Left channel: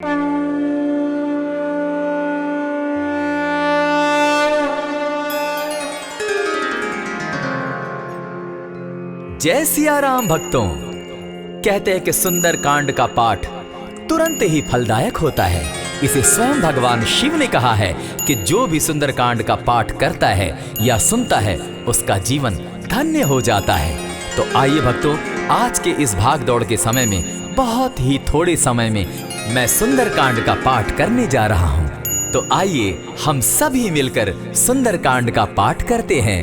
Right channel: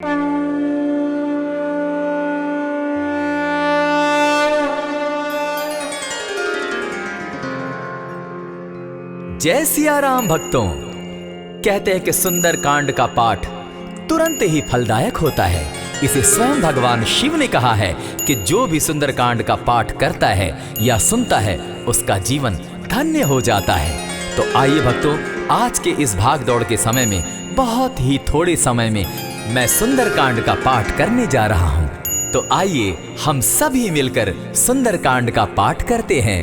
जय सिया राम भक्तों। कहते हैं कि सुंदर कांड का पाठ तुरंत ही फलदायक होता है। इसे स्वयं भगवान शिव ने कहा है कि जो भी सुंदर कांड का पाठ करता है या सुनता है उसका जीवन धन्य हो जाता है। तो आइए भक्तों, आज के इस भाग दौड़ के समय में बहुत ही थोड़े समय में मैं सुंदर कांड का पाठ करने जा रहा हूँ। तो आइए हम सभी मिलकर सुंदर कांड का पाठ करते हैं।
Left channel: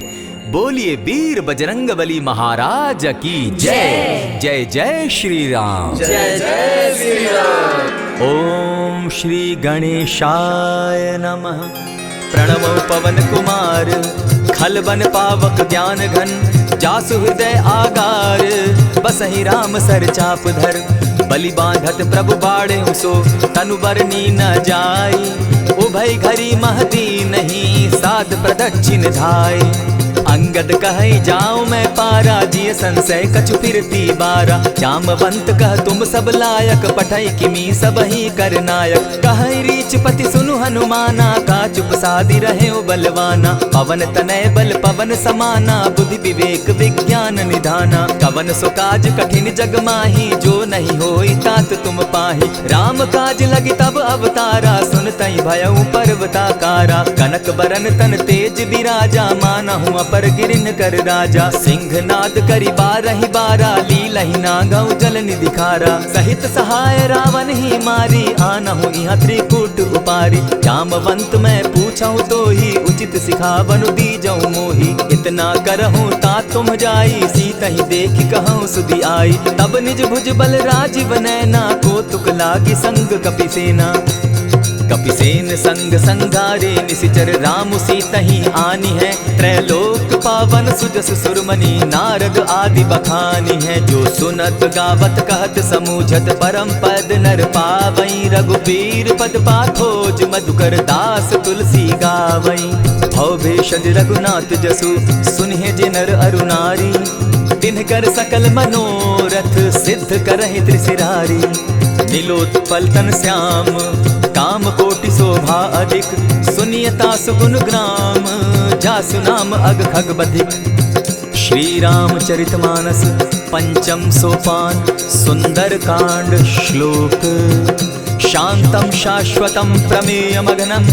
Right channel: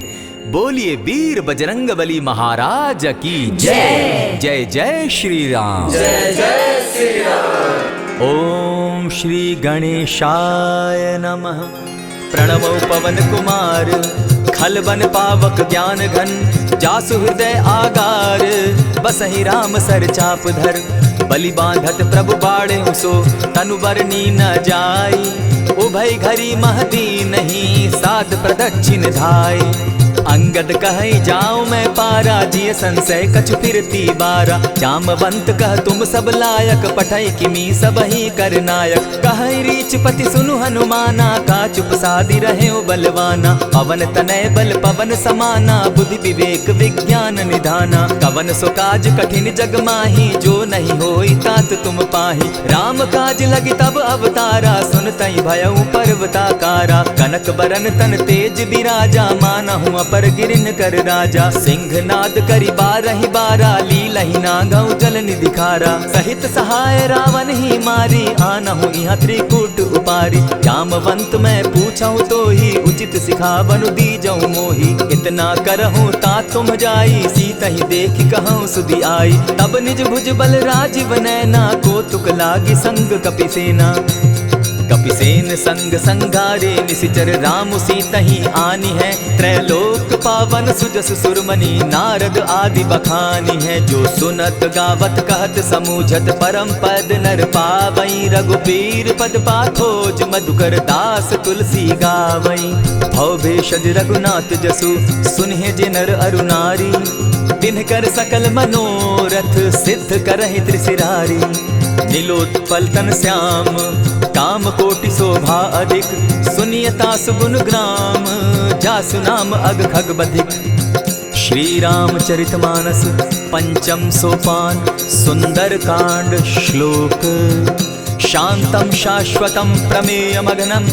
बोलिए वीर बजरंगबली महाराज की जय। जय जय श्री राम। जय जय श्री राम। ओम श्री गणेशाय नमः। प्रणवो पवन कुमार, खलबन पावक ज्ञान घन, जासु हृदय आगार, बसहि राम सर चाप धर, बलि बांधत प्रभु बाड़े सो, तनु बरनी न जाई, उभय घरी महती नहीं, साध प्रदक्षिण धाय। अंगद कहे जाऊं मैं पारा, जिय संशय कछु फिरती बारा, जामवंत कह तुम सब लायक, पठै किमी सब ही कर नायक। कहे रीच पति सुनु हनुमाना, का चुप सादी रहे बलवाना, पवन तनय बल पवन समाना, बुद्धि विवेक विज्ञान निधाना। कवन सो काज कठिन जग माही, जो नहीं होई तात तुम पाही। राम काज लगी तब अवतारा, सुनतई भयउ पर्वताकारा। कनक बरन तन तेज बिराजा, मानहु पर गिरिन कर राजा। सिंहनाद करी बारहि बारा, लीलहि नागौ जल निधि खारा। सहित सहाय रावण ही मारी, आनहु इहाँ त्रिकूट उपारी। जामवंत मैं पूछऊं तो ही, उचित सिखावनु दीजऊं मोही। इतना करहूं ता तुम जाई, सीतहि देखि कहूं सुधि आई। तब निज भुज बल राजीव नैना, को तुक लागी संग कपिसेना। कपिसेन संग संगारे, निशिचर राम सीतहि आनी है। त्रैलोक पावन सुजस सुरमणि, नारद आदि बखानी है। जो सुनत गावत कहत समूझत, परम पद नर पावई। रघुबीर पद पाथोज, मधुकर दास तुलसी गावई। भव भेषज रघुनाथ जसु, सुनिहे जे नर अरु नारी। तिनकर सकल मनोरथ, सिद्ध करहि त्रिशिरारी। नीलोत्पल तन श्याम, काम कोटि शोभा अधिक। सुनियता सुगुण ग्राम, जासु नाम अग खग बधिक। श्री रामचरित मानस पंचम सोपान, सुंदर कांड श्लोक। शांतम शाश्वतम प्रमेयमघनम,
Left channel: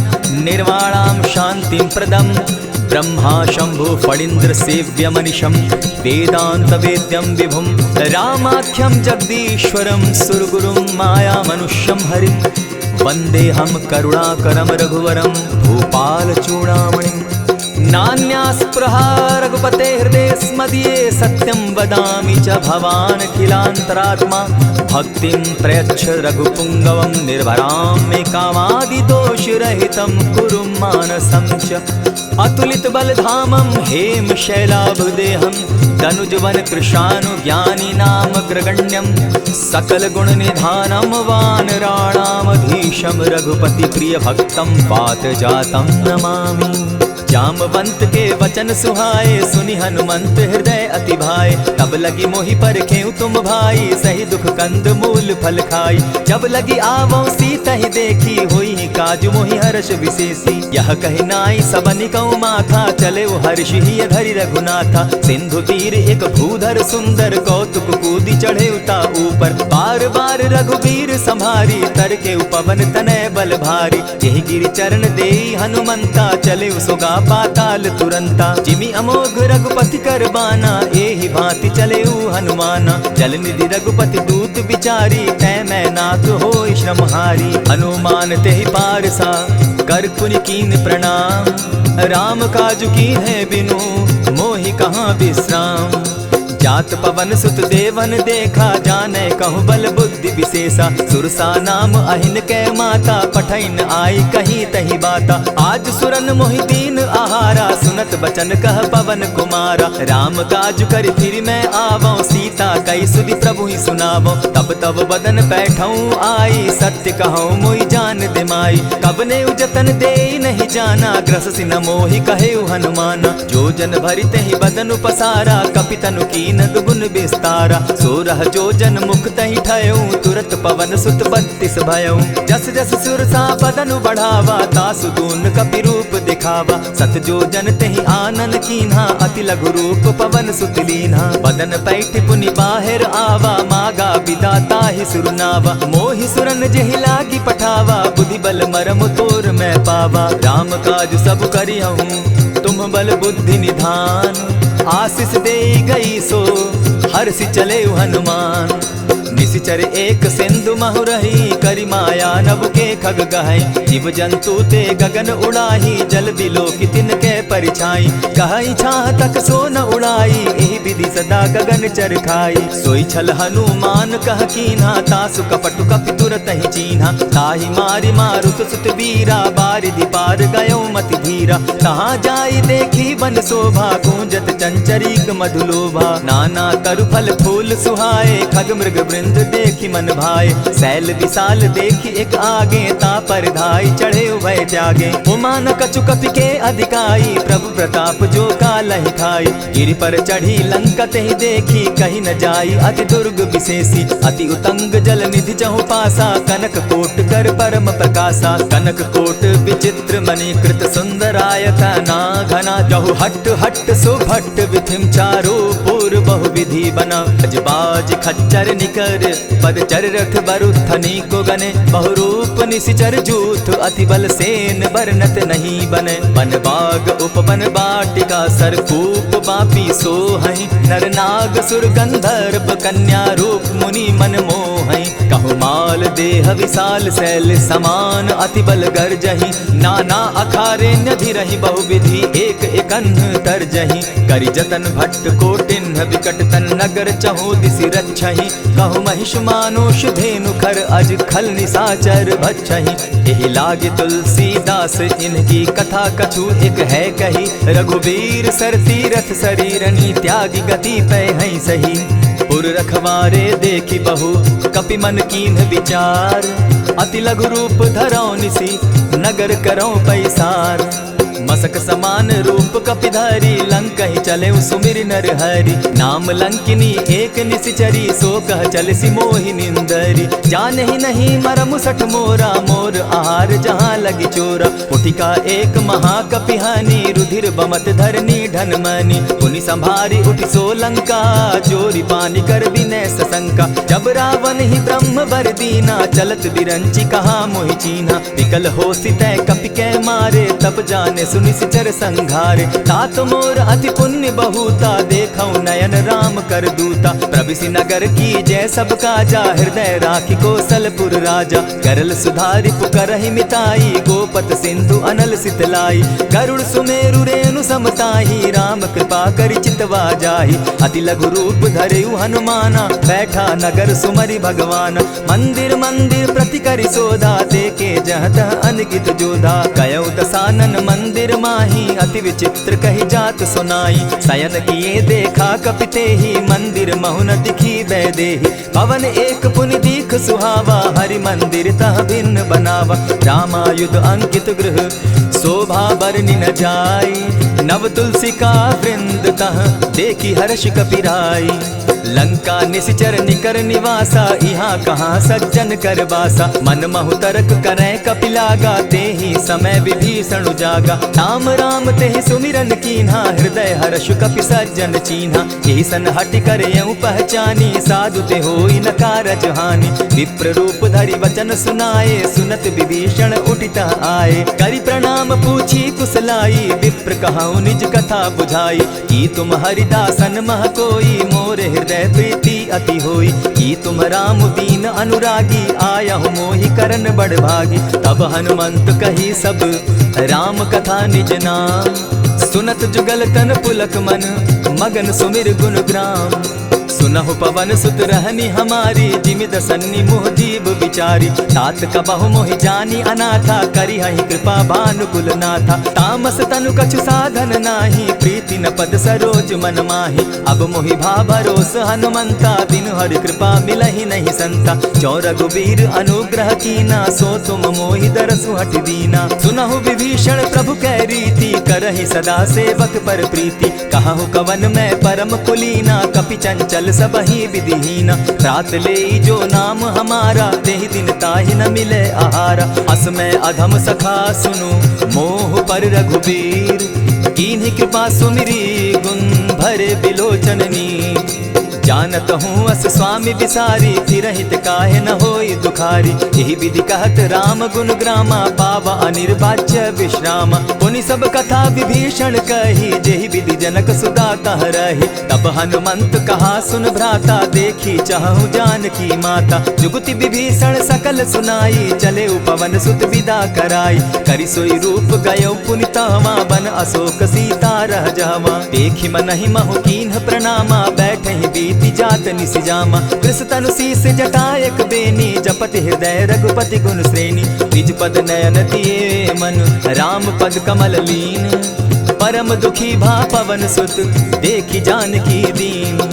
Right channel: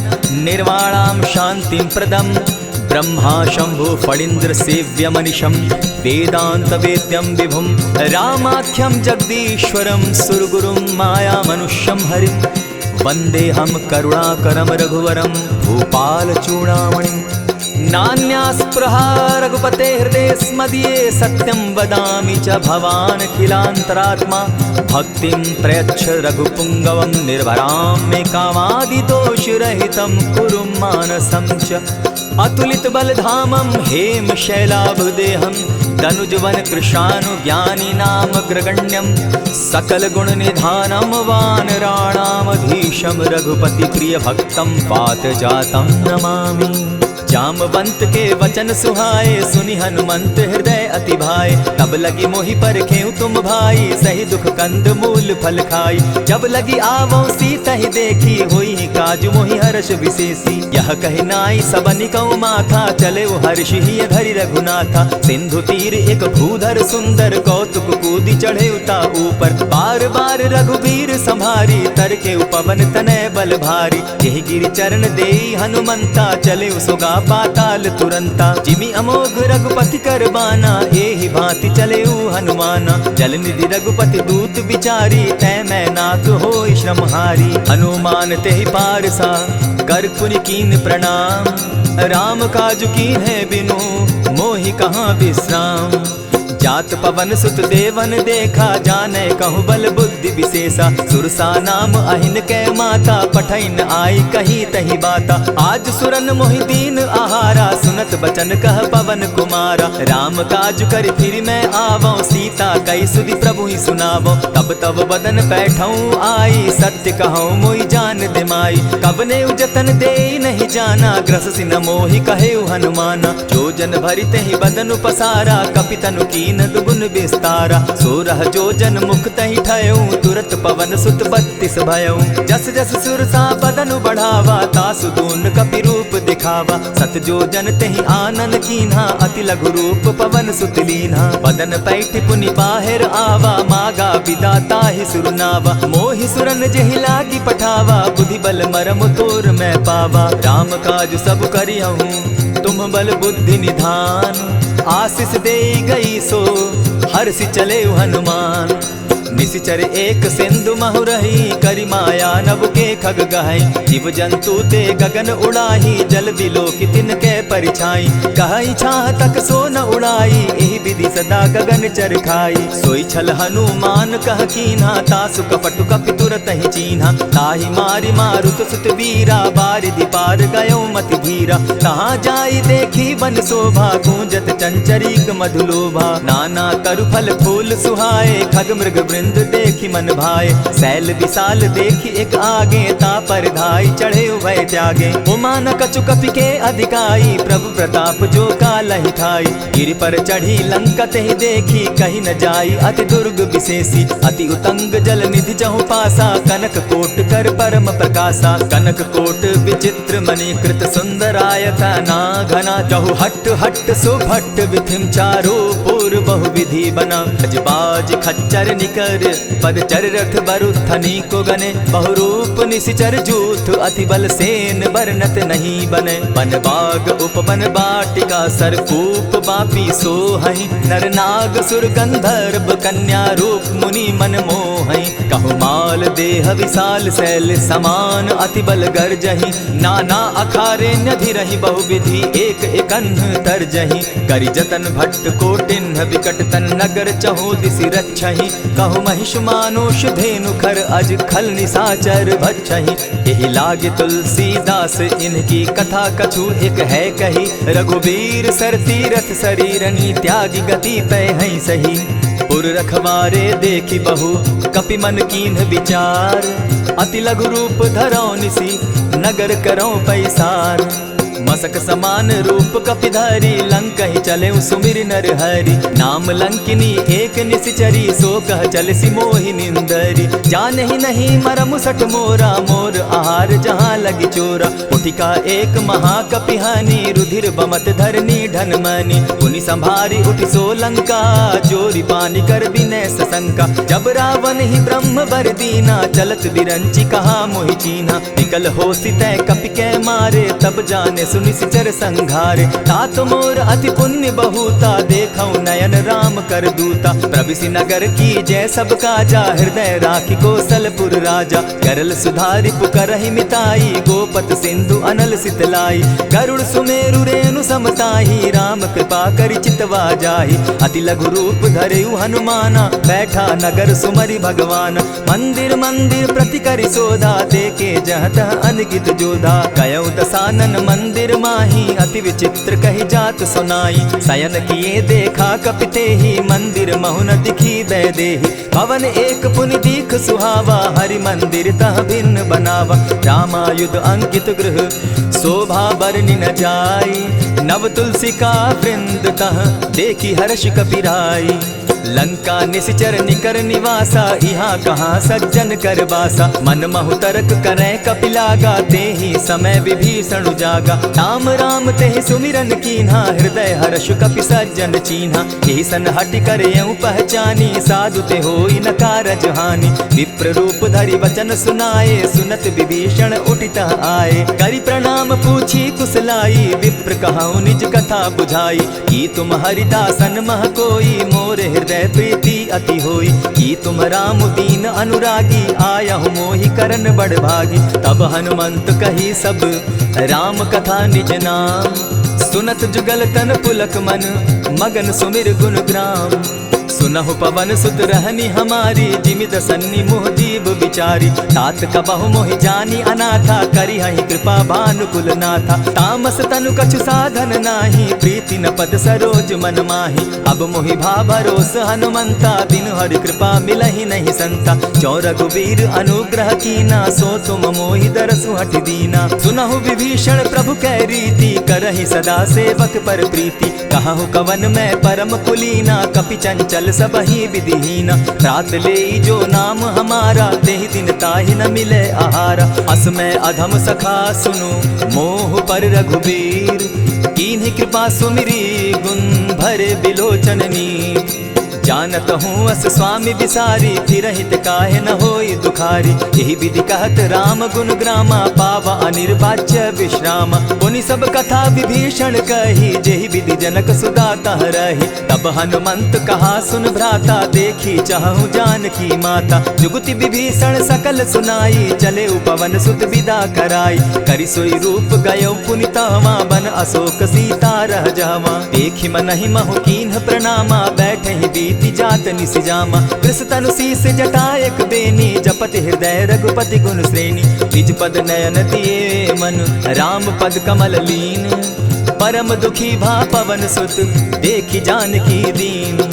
निर्वाणाम शांतिम प्रदम। ब्रह्मा शंभु फणीन्द्र सेव्य मनिशम, वेदांत वेद्यम विभुम। रामाख्यम जगदीश्वरम, सुरगुरुम माया मनुष्यम हरिम। वंदे हम करुणाकरम रघुवरम, भूपाल चूड़ामणिम। नान्यास्पृहा रघुपते हृदय स्मदीये, सत्यं वदामि च भवान् खिलान्तरात्मा। भक्तिं प्रयच्छ रघुपुङ्गवं, निर्भरां मे कामादिदोषरहितं, कुरु मानसं च। अतुलित बलधामं हेम शैलाभदेहं, तनुजवन कृशानु ज्ञानी नाम ग्रगण्यं। सकल गुण निधानं वानराणामधीशं, रघुपति प्रिय भक्तं पात जातं नमामि। जामवंत के वचन सुहाए, सुनि हनुमंत हृदय अति भाए। तब लगी मोहि परखेउ तुम भाई, सही दुख कंद मूल फल खाई। जब लगी आवो सीतहि देखी, होई काज मोहि हर्ष विशेषी। यह कहि नाई सबनि कौ माथा, चले वो हर्षि धरि रघुनाथा। सिंधु तीर एक भूधर सुंदर, कौतुक कूदि चढ़े उता ऊपर। बार बार रघुबीर संभारी, तर के पवन तनय बल भारी। यही गिरि चरण देई हनुमंता, चले सोगा पाताल तुरंता। जिमि अमोघ रघुपति कर बाना, एहि भांति चले हनुमाना। जल निधि रघुपति दूत विचारी, तै मैं नाथ होई श्रमहारी। हनुमान तेहि पारसा, कर पुनि कीन प्रणाम। राम काज कीन है बिनु, मोहि कहाँ विश्राम। जात पवन सुत देवन देखा, जाने कहूँ बल बुद्धि विशेषा। सुरसा नाम अहिन कै माता, पठैन आई कहीं तही बाता। आज सुरन मोहि दीन आहारा, सुनत बचन कह पवन कुमारा। राम काज कर फिर मैं आवो, सीता कई सुधि प्रभु ही सुनावो। तब तब बदन बैठऊँ आई, सत्य कहूँ मोहि जान दिमाई। कबने उजतन दे नहीं जाना, ग्रस सिन मोहि कहे हनुमाना। जो जन भरित ही बदन पसारा, कपितनु की कीन दुगुन विस्तारा। 16 जोजन मुख तहि ठयऊ, तुरत पवन सुत 32 भयऊ। जस जस सुरसा बदनु बढ़ावा, तासु दून कपि रूप दिखावा। 7 जोजन तेहि आनन कीन्हा, अति लघु रूप पवन सुत लीन्हा। बदन पैठ पुनि बाहिर आवा, मागा बिदा ताहि सुरनावा। मोहि सुरन जेहि लागी पठावा, बुद्धि बल मरम तोर मैं पावा। राम काज सब करिहूँ तुम बल बुद्धि निधान, आशीष दे गई सो हर्षि चले हनुमान। निशिचर एक सिंधु महु रही, करि माया नभ के खग गहई। जीव जंतु ते गगन उड़ाही, जल बिलो की तिनके परिछाई। कहई छाह तक सो न उड़ाई, एहि विधि सदा गगन चर खाई। सोई छल हनुमान कह कीन्हा, तासु कपटु कपि तुरत ही चीन्हा। ताहि मारि मारुत सुत वीरा, बारिधि पार गयो मति धीरा। तहाँ जाई देखी बन शोभा, गूंजत चंचरीक मधुलोभा। नाना तरु फल फूल सुहाए, खग मृग वृंद देखी मन भाए। शैल विशाल देखी एक आगे, ता पर धाई चढ़े उभय त्यागे। उमान कछु कपि के अधिकाई, प्रभु प्रताप जो कालहि खाई। गिरि पर चढ़ी लंका तेहि देखी, कहीं न जाई अति दुर्ग विशेषी। अति उतंग जल निधि चहु पासा, कनक कोट कर परम प्रकाशा। कनक कोट विचित्र मणि कृत सुंदरायत ना घना। जहु हट हट सुभट विधिम चारो पूर बहु विधि बना। अजबाज खच्चर निकर पदचर रथ बरुथनी को गने। बहुरूप निशिचर जूथ, अति बल सेन बरनत नहीं बने। बन बाग उपवन बाटिका, सरकूप बापी सोहई। नर नाग सुर गंधर्व कन्या रूप, मुनि मन मोहई। कहु माल देह विशाल शैल समान, अति बल गर्जही। नाना अखारे न्यधिरहि बहुविधि, एक एकन्ह तरजही। करि जतन भट्ट कोटिन्ह, विकट तन नगर चहु दिसि रक्षहि। कहु महिष मानुष धेनु खर, अज खल निशाचर भक्षहि। एहि लागे तुलसीदास, इनकी कथा कछु एक है कही। रघुबीर सर तीरथ शरीरनी, त्यागी गति पै हई सही। पुर रखवारे देखी बहु, कपि मन कीन्ह विचार। अति लघु रूप धरौ निसी, नगर करौ पैसार। मसक समान रूप कपिधारी, लंकहि चले सुमिर नर हरि। नाम लंकिनी एक निशिचरी, सो कह चलसि मोहि निंदरी। जानहि नहीं मरमु सठ मोरा, मोर आहार जहाँ लगी चोरा। उठिका एक महाकपिहानी, रुधिर बमत धरनी ढन मनी। पुनि संभारी उठि सो लंका, चोरी पानी कर बिनै सशंका। जब रावण ही ब्रह्म बर दीना, चलत बिरंची कहा मोहि चीन्हा। निकल होसि तै कपि कै मारे, तब जाने सुनिशिचर संघारे। तात मोर अति पुण्य बहुता, देखौ नयन राम कर दूता। प्रविशि नगर की जय सब काजा, हृदय राखी कौशलपुर राजा। गरल सुधारि पुकरहि मिताई, गोपत सिंधु अनल सितलाई। गरुड़ सुमेरु रेणु समताही, राम कृपा करि चितवा जाहि। अति लघु रूप धरेउ हनुमाना, बैठा नगर सुमरि भगवान। मंदिर मंदिर प्रति करि सोधा, देखे जहाँ तह अनगित जोधा। कयौ दसानन मंदिर माही, अति विचित्र कही जात सुनाई। शयन किए देखा कपिते ही, मंदिर महु न दिखी बैदेही। भवन एक पुनि दीख सुहावा, हरि मंदिर तह भिन्न बनावा। रामायुध अंकित गृह, शोभा बरनि न जाई। नव तुलसी का वृंद तह, देखी हर्ष कपिराई। लंका निशिचर निकर निवासा, यहाँ कहाँ सज्जन कर बासा। मन महु तरक करै कपिलागा, तेहि समय विभीषण जागा। राम राम तेहि सुमिरन कीन्हा, हृदय हर्ष कपि सज्जन चीन्हा। एहि सन हटि करयउ पहचानी, साधु ते होई न कारज हानि। विप्र रूप धरि वचन सुनाए, सुनत विभीषण उठितः आए। करि प्रणाम पूछी कुशलाई, विप्र कहौ निज कथा बुझाई। कि तुम हरिदासन मह कोई, मोरे हृदय प्रीति अति होई। कि तुम राम दीन अनुरागी, आयहु मोहि करन बड़ भागी। तब हनुमंत कही सब राम कथा निज नाम। सुनत जुगल तन पुलक मन, मगन सुमिर गुण ग्राम। सुनहु पवन सुत रहनी हमारी, जिमिद सन्नी मुह जीव बिचारी। तात कबहु मोहि जानी अनाथा, करी हहि कृपा भानुकुल नाथा। तामस तनु कछु साधन नाही, प्रीति न पद सरोज मन माही। अब मोहि भा भरोस हनुमंता, बिनु हरि कृपा मिलहि नहीं संता। जो रघुबीर अनुग्रह कीना, सो तुम मोहि दरसु हठि दीना। सुनहु विभीषण प्रभु कै रीति, करहि सदा सेवक पर प्रीति। कहु कवन मैं परम कुलीना, कपि चंचल सबहि विधिहीना। रात ले जो नाम हमारा, तेहि दिन ताहि न मिले आहारा। अस मैं अधम सखा सुनु, मोह पर रघुबीर। कीन्ही कृपा सुमिरी, गुण भरे बिलोचन नीर। जानत हूँ अस स्वामी बिसारी, फिरहित काहे न होई दुखारी। यही विधि कहत राम गुण ग्रामा, पावा अनिर्वाच्य विश्रामा। पुनि सब कथा विभीषण कही, जेहि विधि जनक सुता तह रही। तब हनुमंत कहा सुन भ्राता, देखी चाहूँ जानकी माता। जुगति विभीषण सकल सुनाई, चले उपवन सुत विदा कराई। करि सोई रूप गयो पुनि तहवा, बन अशोक सीता रह जावा। देखी मनहि महु कीन्ह प्रणामा, बैठहि बीति जात निसिजामा। कृष तनु शीस जटायक बेनी, जपति हृदय रघुपति गुण श्रेणी। निज पद नयन दिए मन, राम पद कमल लीन। परम दुखी भा पवन सुत, देखी जानकी दीन।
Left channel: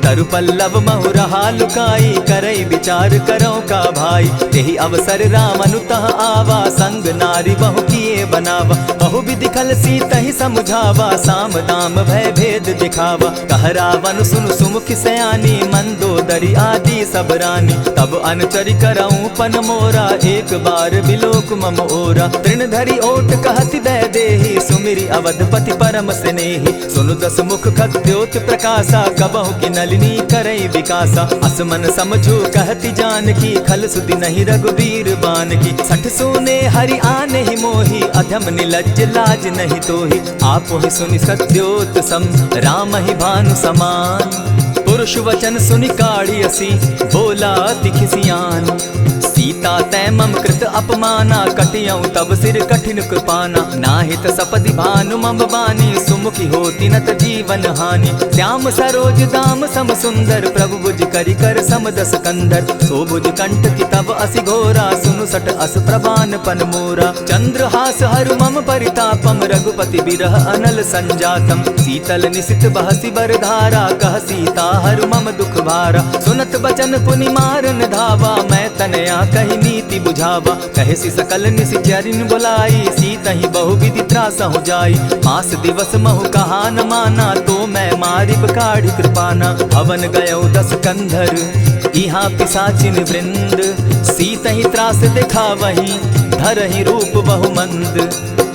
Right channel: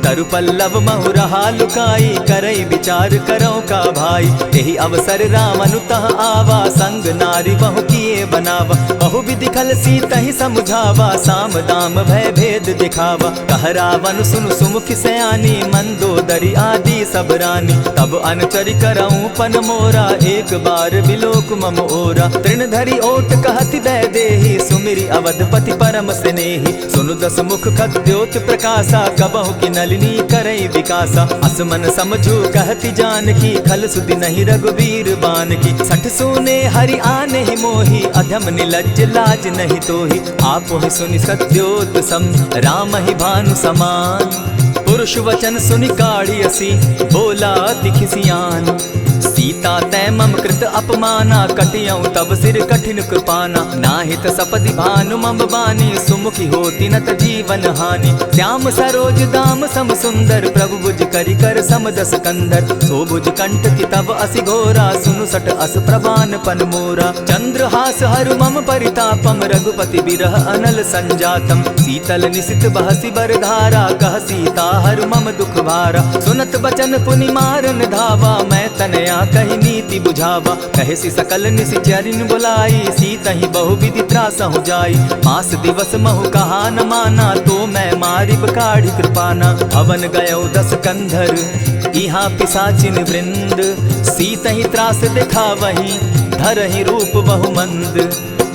तरु पल्लव महु रहा लुकाई, करई विचार करो का भाई। यही अवसर राम अनुतः आवा, संग नारी बहु किए बनावा। बहु विधि खल सीतहि समुझावा, साम दाम भय भेद दिखावा। कह रावण सुन सुमुख सयानी, मंदोदरी आदि सब रानी। तब अनुचरि करऊं पन मोरा, एक बार बिलोक मम ओरा। तृण धरि ओट कहति वैदेही, सुमिरि अवधपति परम स्नेही। सुनु दस मुख खद्योत प्रकाशा, कबहु की नलिनी करई विकासा। असमन समझो कहति जानकी, खल सुधि नहीं रघुबीर बान की। सठ सोने हरि आने ही मोही, अधम निलज्ज लाज नहीं तोही। आप ही सुनि सत्योत सम, राम ही भानु समान। पुरुष वचन सुनि काढ़ियसी, बोला अति खिसियान। सीता तै मम कृत अपमाना, कटियऊं तब सिर कठिन कृपाना। नाहित सपदि भानु मम बानी, सुमुखी होती न त जीवन हानि। श्याम सरोज दाम सम सुंदर, प्रभु भुज करि कर सम दस कंधर। सो भुज कंठ की तब असि घोरा, सुनु सट अस प्रवान पन मोरा। चंद्रहास हरु मम परितापम, रघुपति बिरह अनल संजातम। शीतल निशित बहसी बरधारा, कह सीता हरु मम दुख भारा। सुनत बचन पुनि मारन धावा, मैं तनया कही नीति बुझावा। कहसी सकल निश्चरिन बुलाई, सीतहि बहु विधि त्रास हो जाई। मास दिवस महु कहा न माना, तो मैं मारिब काढ़ी कृपाना। भवन गयो दस कंधर, इहाँ पिशाचिन वृंद। सीतहि त्रास दिखावहि, धरहि रूप बहु मंद।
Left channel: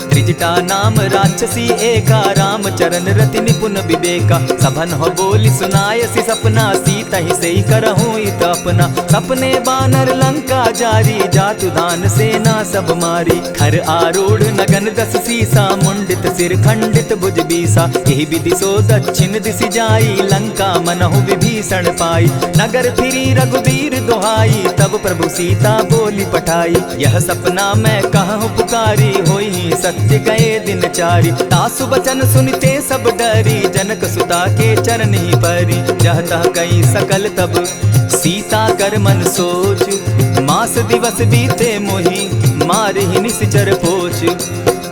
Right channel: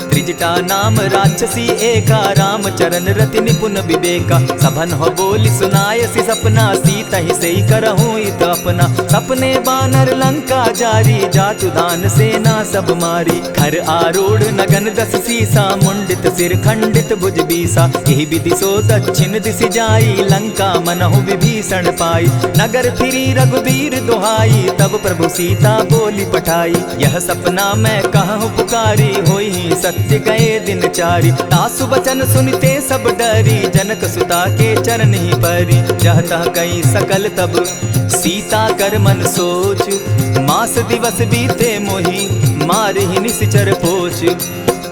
त्रिजटा नाम राक्षसी एका, राम चरण रति निपुण विवेका। सभन हो बोली सुनायसी सपना, सीतहि सेई करहूँ इत अपना। सपने बानर लंका जारी, जातु दान सेना सब मारी। खर आरूढ़ नगन दस सीसा, मुंडित सिर खंडित भुज बीसा। यही विधि सो दक्षिण दिशि जाई, लंका मनहु विभीषण पाई। नगर फिरी रघुबीर दुहाई, तब प्रभु सीता बोली पठाई। यह सपना मैं कहूँ पुकारी, होई सत्य गए दिन चारी। तासु बचन सुनते सब डरी, जनक सुता के चरण ही परी। जह तह कई सकल तब, सीता कर मन सोच। मास दिवस बीते मोही, मारहि निश्चर पोछ।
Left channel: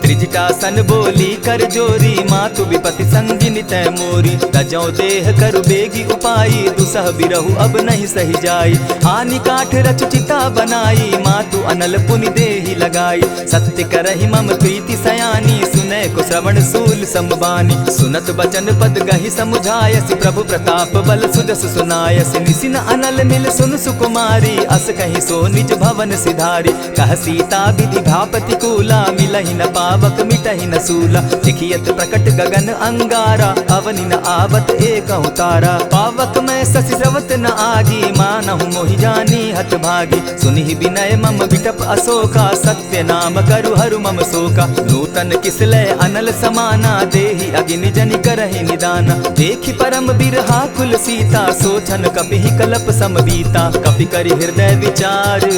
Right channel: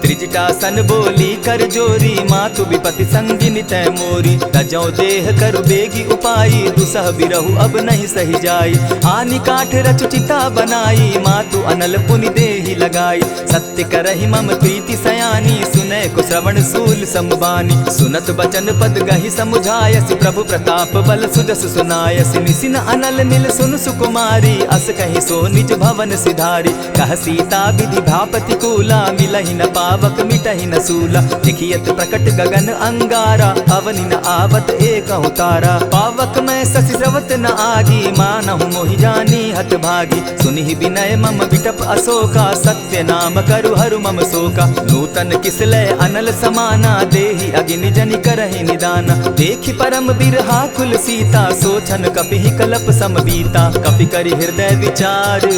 त्रिजटा सन बोली कर जोरी, मातु विपति संगिनी तै मोरी। तजौ देह करु बेगी उपाई, दुसह बिरहु अब नहीं सही जाई। आनि काठ रच चिता बनाई, मातु अनल पुनि देहि लगाई। सत्य करहि मम प्रीति सयानी, सुनै को श्रवण सूल समबानी। सुनत बचन पद गहि समुझायसि, प्रभु प्रताप बल सुजस सुनायसि। निसिन अनल मिल सुन सुकुमारी, अस कहि सो निज भवन सिधारी। कह सीता विधि भापति कूला, मिलहि न पावक मिटहि न सूला। देखियत प्रकट गगन अंगारा, अवनि न आवत एकहु तारा। पावक मैं शशि स्रवत न आगी, मानहु मोहि जानी हत भागी। सुनिहि विनय मम विटप अशोका, सत्य नाम करु हरु मम शोका। नूतन किसलय अनल समाना, देहि अगिनि जनि करहि निदाना। देखि परम बिरहा कुल सीता, सोचन कपिहि कलप सम बीता। कपि करि हृदय विचार,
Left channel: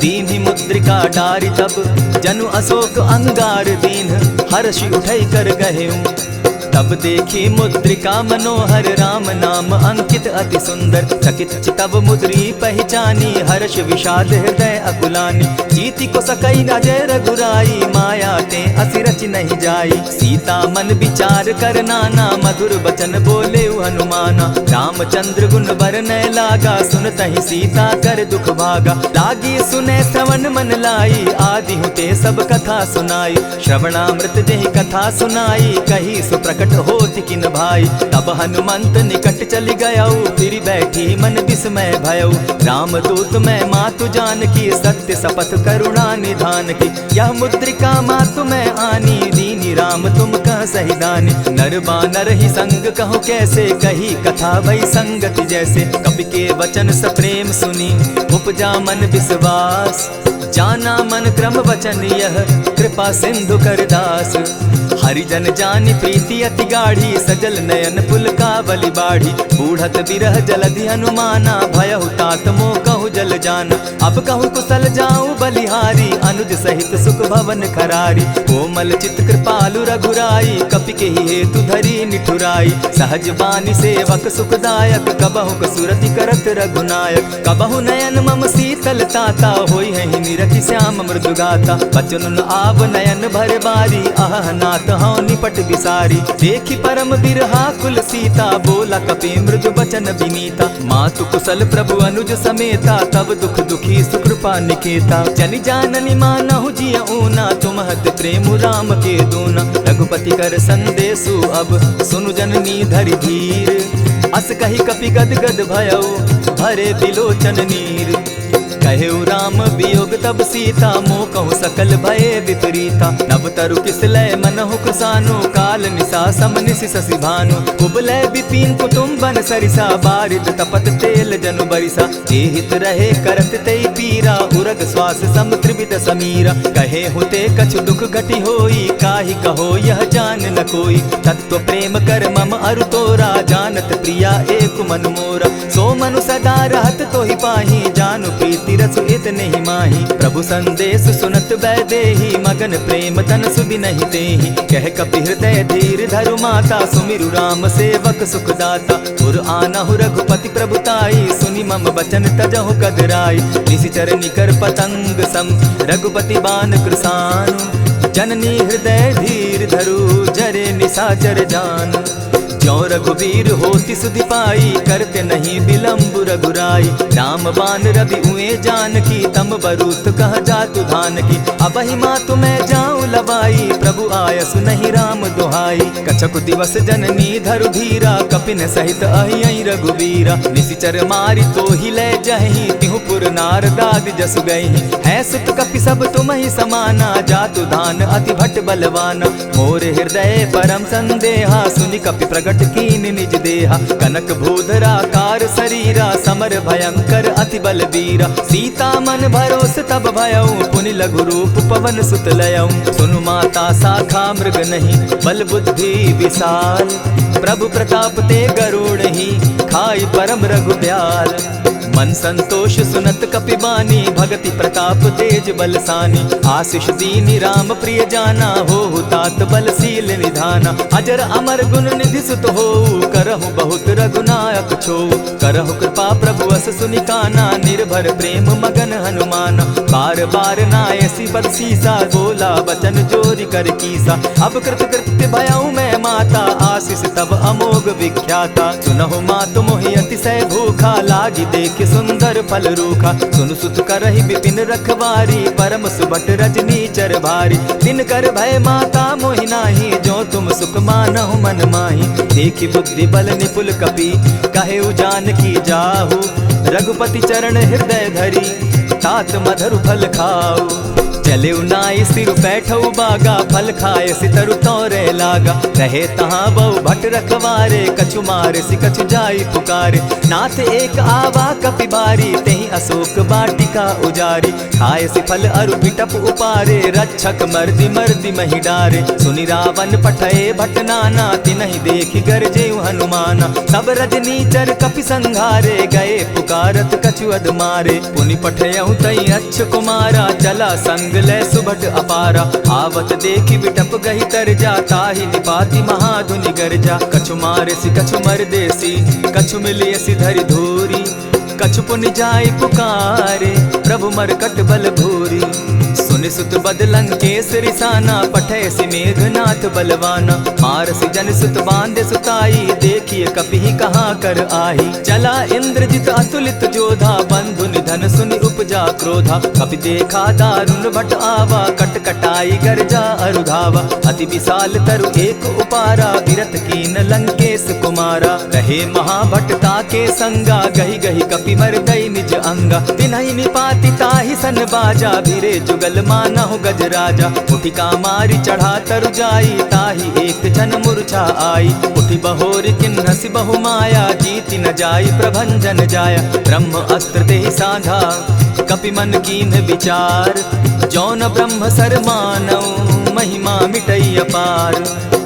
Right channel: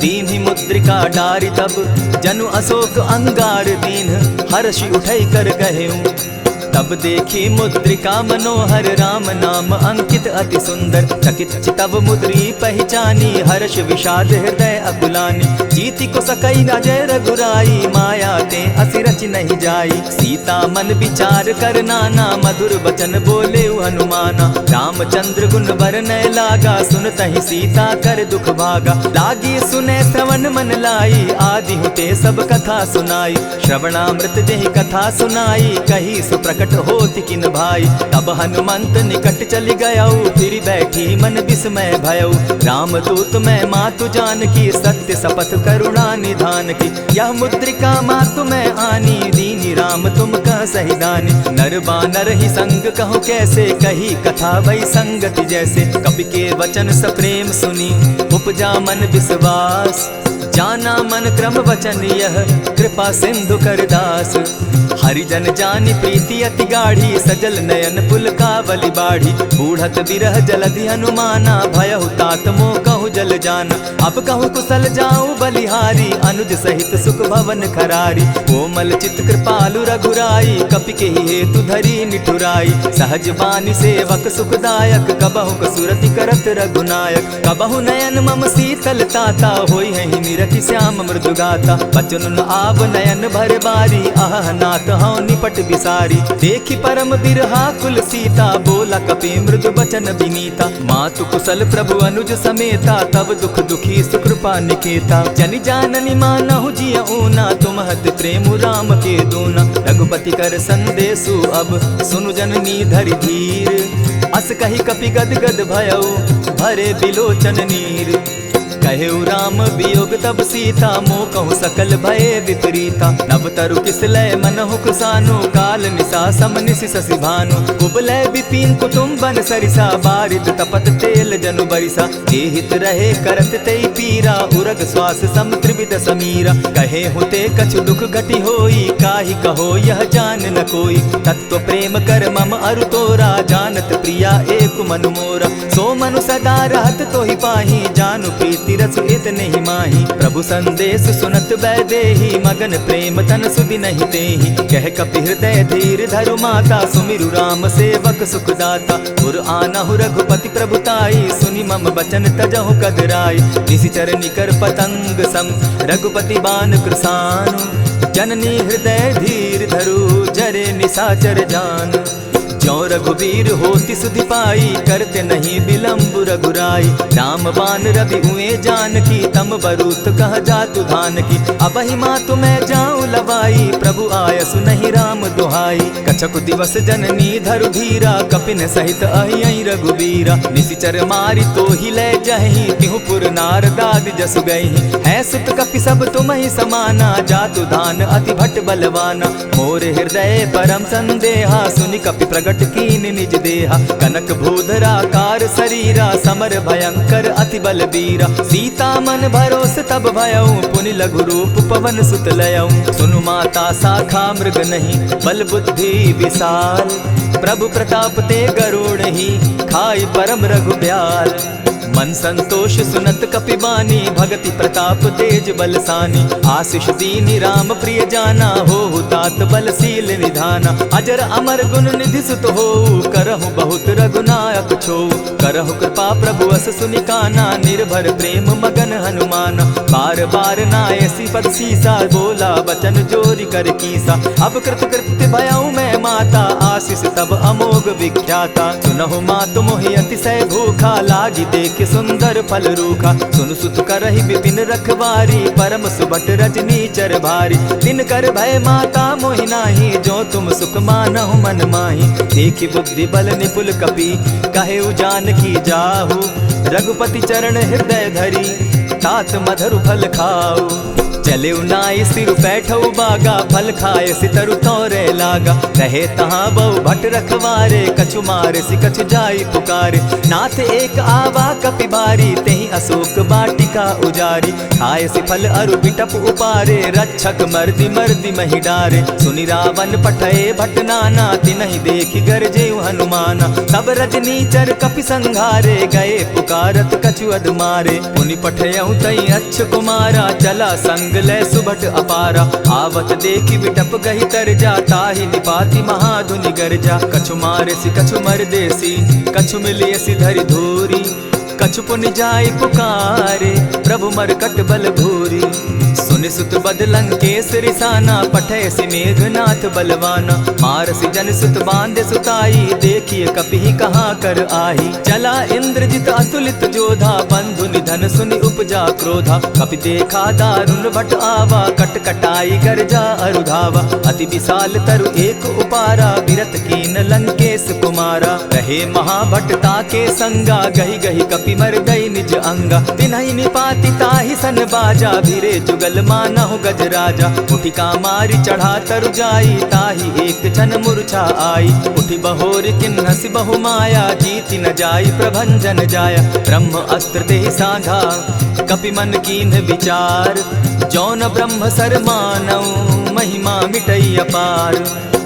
दीन्हि मुद्रिका डारि। तब जनु अशोक अंगार दीन, हर्षि उठै कर गहेऊं। तब देखी मुद्रिका मनोहर राम नाम अंकित अति सुंदर। चकित चितव मुद्री पहचानी हर्ष विषाद हृदय अकुलानी। जीति को सकई न जय रघुराई माया ते असि रचि नहीं जाई। सीता मन विचार कर नाना मधुर बचन बोले हनुमाना। रामचंद्र गुण बरनय लागा सुनतहि सीता कर दुख भागा। लागी सुने श्रवण मन लाई आदि हुते सब कथा सुनाई। श्रवणामृत जेहि कथा सुनाई कही सो प्रकट होति किन भाई। तब हनुमंत निकट चली गयऊ फिर बैठी मन विस्मय भयऊ। राम दूत मैं मातु जान की सत्य शपथ करुणा निधान की। यह मुद्रिका मातु मैं आनी दीनी राम तुम कह सही दानी। नर बानर ही संग कहो कैसे कही कथा भई संगति जैसे। कपि के वचन सप्रेम सुनी उपजा मन विश्वास। जाना मन क्रम वचन यह कृपा सिंधु कर दास। हरिजन जानि प्रीति अति गाढ़ी सजल नयन पुलकावली बाढ़ी। बूढ़त बिरह जलधि हनुमाना भयहु तात मोह कहु जल जाना। अब कहु कुशल जाऊं बलिहारी अनुज सहित सुख भवन खरारी। कोमल चित कृपालु रघुराई कपि के हेतु धरी निठुराई। सहज बानी सेवक सुखदायक कबहु कसुरति करत रघुनायक। कबहु नयन मम शीतल ताता होई है निरखि श्याम मृदु गाता। बचन आब नयन भर बारी आह नाथ हौ निपट बिसारी। देखी परम बिरहा कुल सीता बोला कपि मृदु बचन विनीता। मातु कुशल प्रभु अनुज समेता तब दुख दुखी सुकृपा निकेता। जनि जाननि मानहु जिय ऊना तुमहत प्रेम राम के दूना। रघुपति कर संदेशु अब सुनु जननी धरि धीर। अस कही कपि गद गद भयऊ भरे बिलोचन नीर। कहेउ राम वियोग तब सीता मोह कहु सकल भये विपरीता। नव तरु किसलय मनहु कृसानु काल निशा सम निशि शशि भानु। कुबलय विपिन कुटुम्बन सरिसा बारिद तपत तेल जनु बरिसा। जे हित रहे करत तेई पीरा उरग श्वास सम त्रिविध समीरा। कहे हुते कछु दुख घटी होई काहि कहो यह जान न कोई। तत्व प्रेम कर मम अरु तोरा जानत प्रिया एक मनु मोरा। सो मनु सदा रहत तोहि पाही जानु प्रीति रसु इतने ही माही। प्रभु संदेश सुनत बैदेही मगन प्रेम तन सुधि नहीं तेहि। कह कपि हृदय धीर धरु माता सुमिरु राम सेवक सुखदाता। उर आनहु रघुपति प्रभुताई सुनि मम बचन तजहु कदराई। निशिचर निकर पतंग सम रघुपति बान कृसानु। जननी हृदय धीर धरु जरे निशाचर जान। ज्यों रघुवीर होति सुधि पाई करते नहीं विलम्ब रघुराई। राम बान रवि उए जानकी तम बरूथ कह जातु धान की। अबहि मातु मैं जाऊं लवाई प्रभु आयसु नहीं राम दुहाई। कछक दिवस जननी धरु धीरा कपिन सहित अहियहि रघुवीरा। निशिचर मारि तो ही ले जहि तिहु पुर नार दाद जसु गई। है सुत कपि सब तुम ही समाना जातु धान अति भट बलवाना। मोर हृदय परम संदेहा सुनि कपि प्रगट कीन निज देहा। कनक भूधराकार शरीरा समर भयंकर अति बलबीरा। सीता मन भरोस तब भयऊ पुनि लघु रूप पवन सुत लयऊ। सुनु माता शाखा मृग नहीं बल बुद्धि विशाल। प्रभु प्रताप ते गरुड़ ही खाई परम रघु ब्याल। मन संतोष सुनत कपि बानी भगति प्रताप तेज बलसानी। आशीष दीनी राम प्रिय जाना हो तात बलशील निधाना। अजर अमर गुण निधि सुत हो करहु बहुत रघुनायक छो। करहु कृपा प्रभु अस सुनि काना निर्भर प्रेम मगन हनुमाना। बार बार नायसी पद सीसा बोला बचन जोरी कर कीसा। अब कृत कृत्य भयऊ मैं माता आशीष तब अमोघ विख्याता। सुनहु मातु मोहि अतिशय भूखा लागी देख सुंदर फल रूखा। सुन सुत करहि विपिन रखवारी परम सुबट रजनी चर भारी। दिन कर भय माता मोहि नाही जो तुम सुख मानहु मन माही। देखी बुद्धि बल निपुल कपि कहेउ जानकी जाहु। रघुपति चरण हृदय धरी तात मधुर फल खाऊ। चले नाई सिर बैठऊ बागा फल खाए सितरु तोरे लागा। रहे तहाँ बहु भट रखवारे कछु मारे सि कछु जाई पुकारे। नाथ एक आवा कपि बारी तेहि अशोक बाटिका उजारी। खाए से फल अरु बिटप उपारे, रक्षक मर्दी मर्दी मही डारे। सुनि रावण पठये भट नाना, तिनहि देखि गरजे हनुमाना। सब रजनीचर कपि संघारे, गए पुकारत कछु अध मारे। पुनि पठयहु तई अच्छ कुमारा, चला संग लै सुभट अपारा। आवत देखि बिटप गहि तरजा, ताहि निपाति महाधुनि गरजा। कछु मारेसि कछु मरदेसी, कछु मिलियसि धरि धूरी। कछु पुनि जाय पुकारे, प्रभु मरकट बल भूरी। सुनि सुत बद लंकेश रिसाना, पठयसि मेघनाथ बलवाना। मारसि जन सुत बांधे सुताई, देखिए कपि कहाँ कर आही। चला इंद्रजित अतुलित जोधा, बंधु निधन सुनि उपजा क्रोधा। कपि देखा दारुण भट आवा, कट कटाई गरजा अरुधावा। अति विशाल तरु एक उपारा, विरत कीन लंकेश कुमारा। रहे महाभट ताके संगा, गही गही कपि मरदई निज अंगा। तिन्हि निपाति ताहि सन बाजा, भिरे जुगल मानहु गजराजा। उठिका मारी चढ़ा तरु जाई, ताहि एक क्षण मूर्छा आई। उठि बहोर किन्हसि बहु माया, जीति न जाई प्रभंजन जाया। ब्रह्म अस्त्र तेहि साधा, कपि मन कीन्ह विचार। जौन ब्रह्म सर मानौ, महिमा मिटई अपार।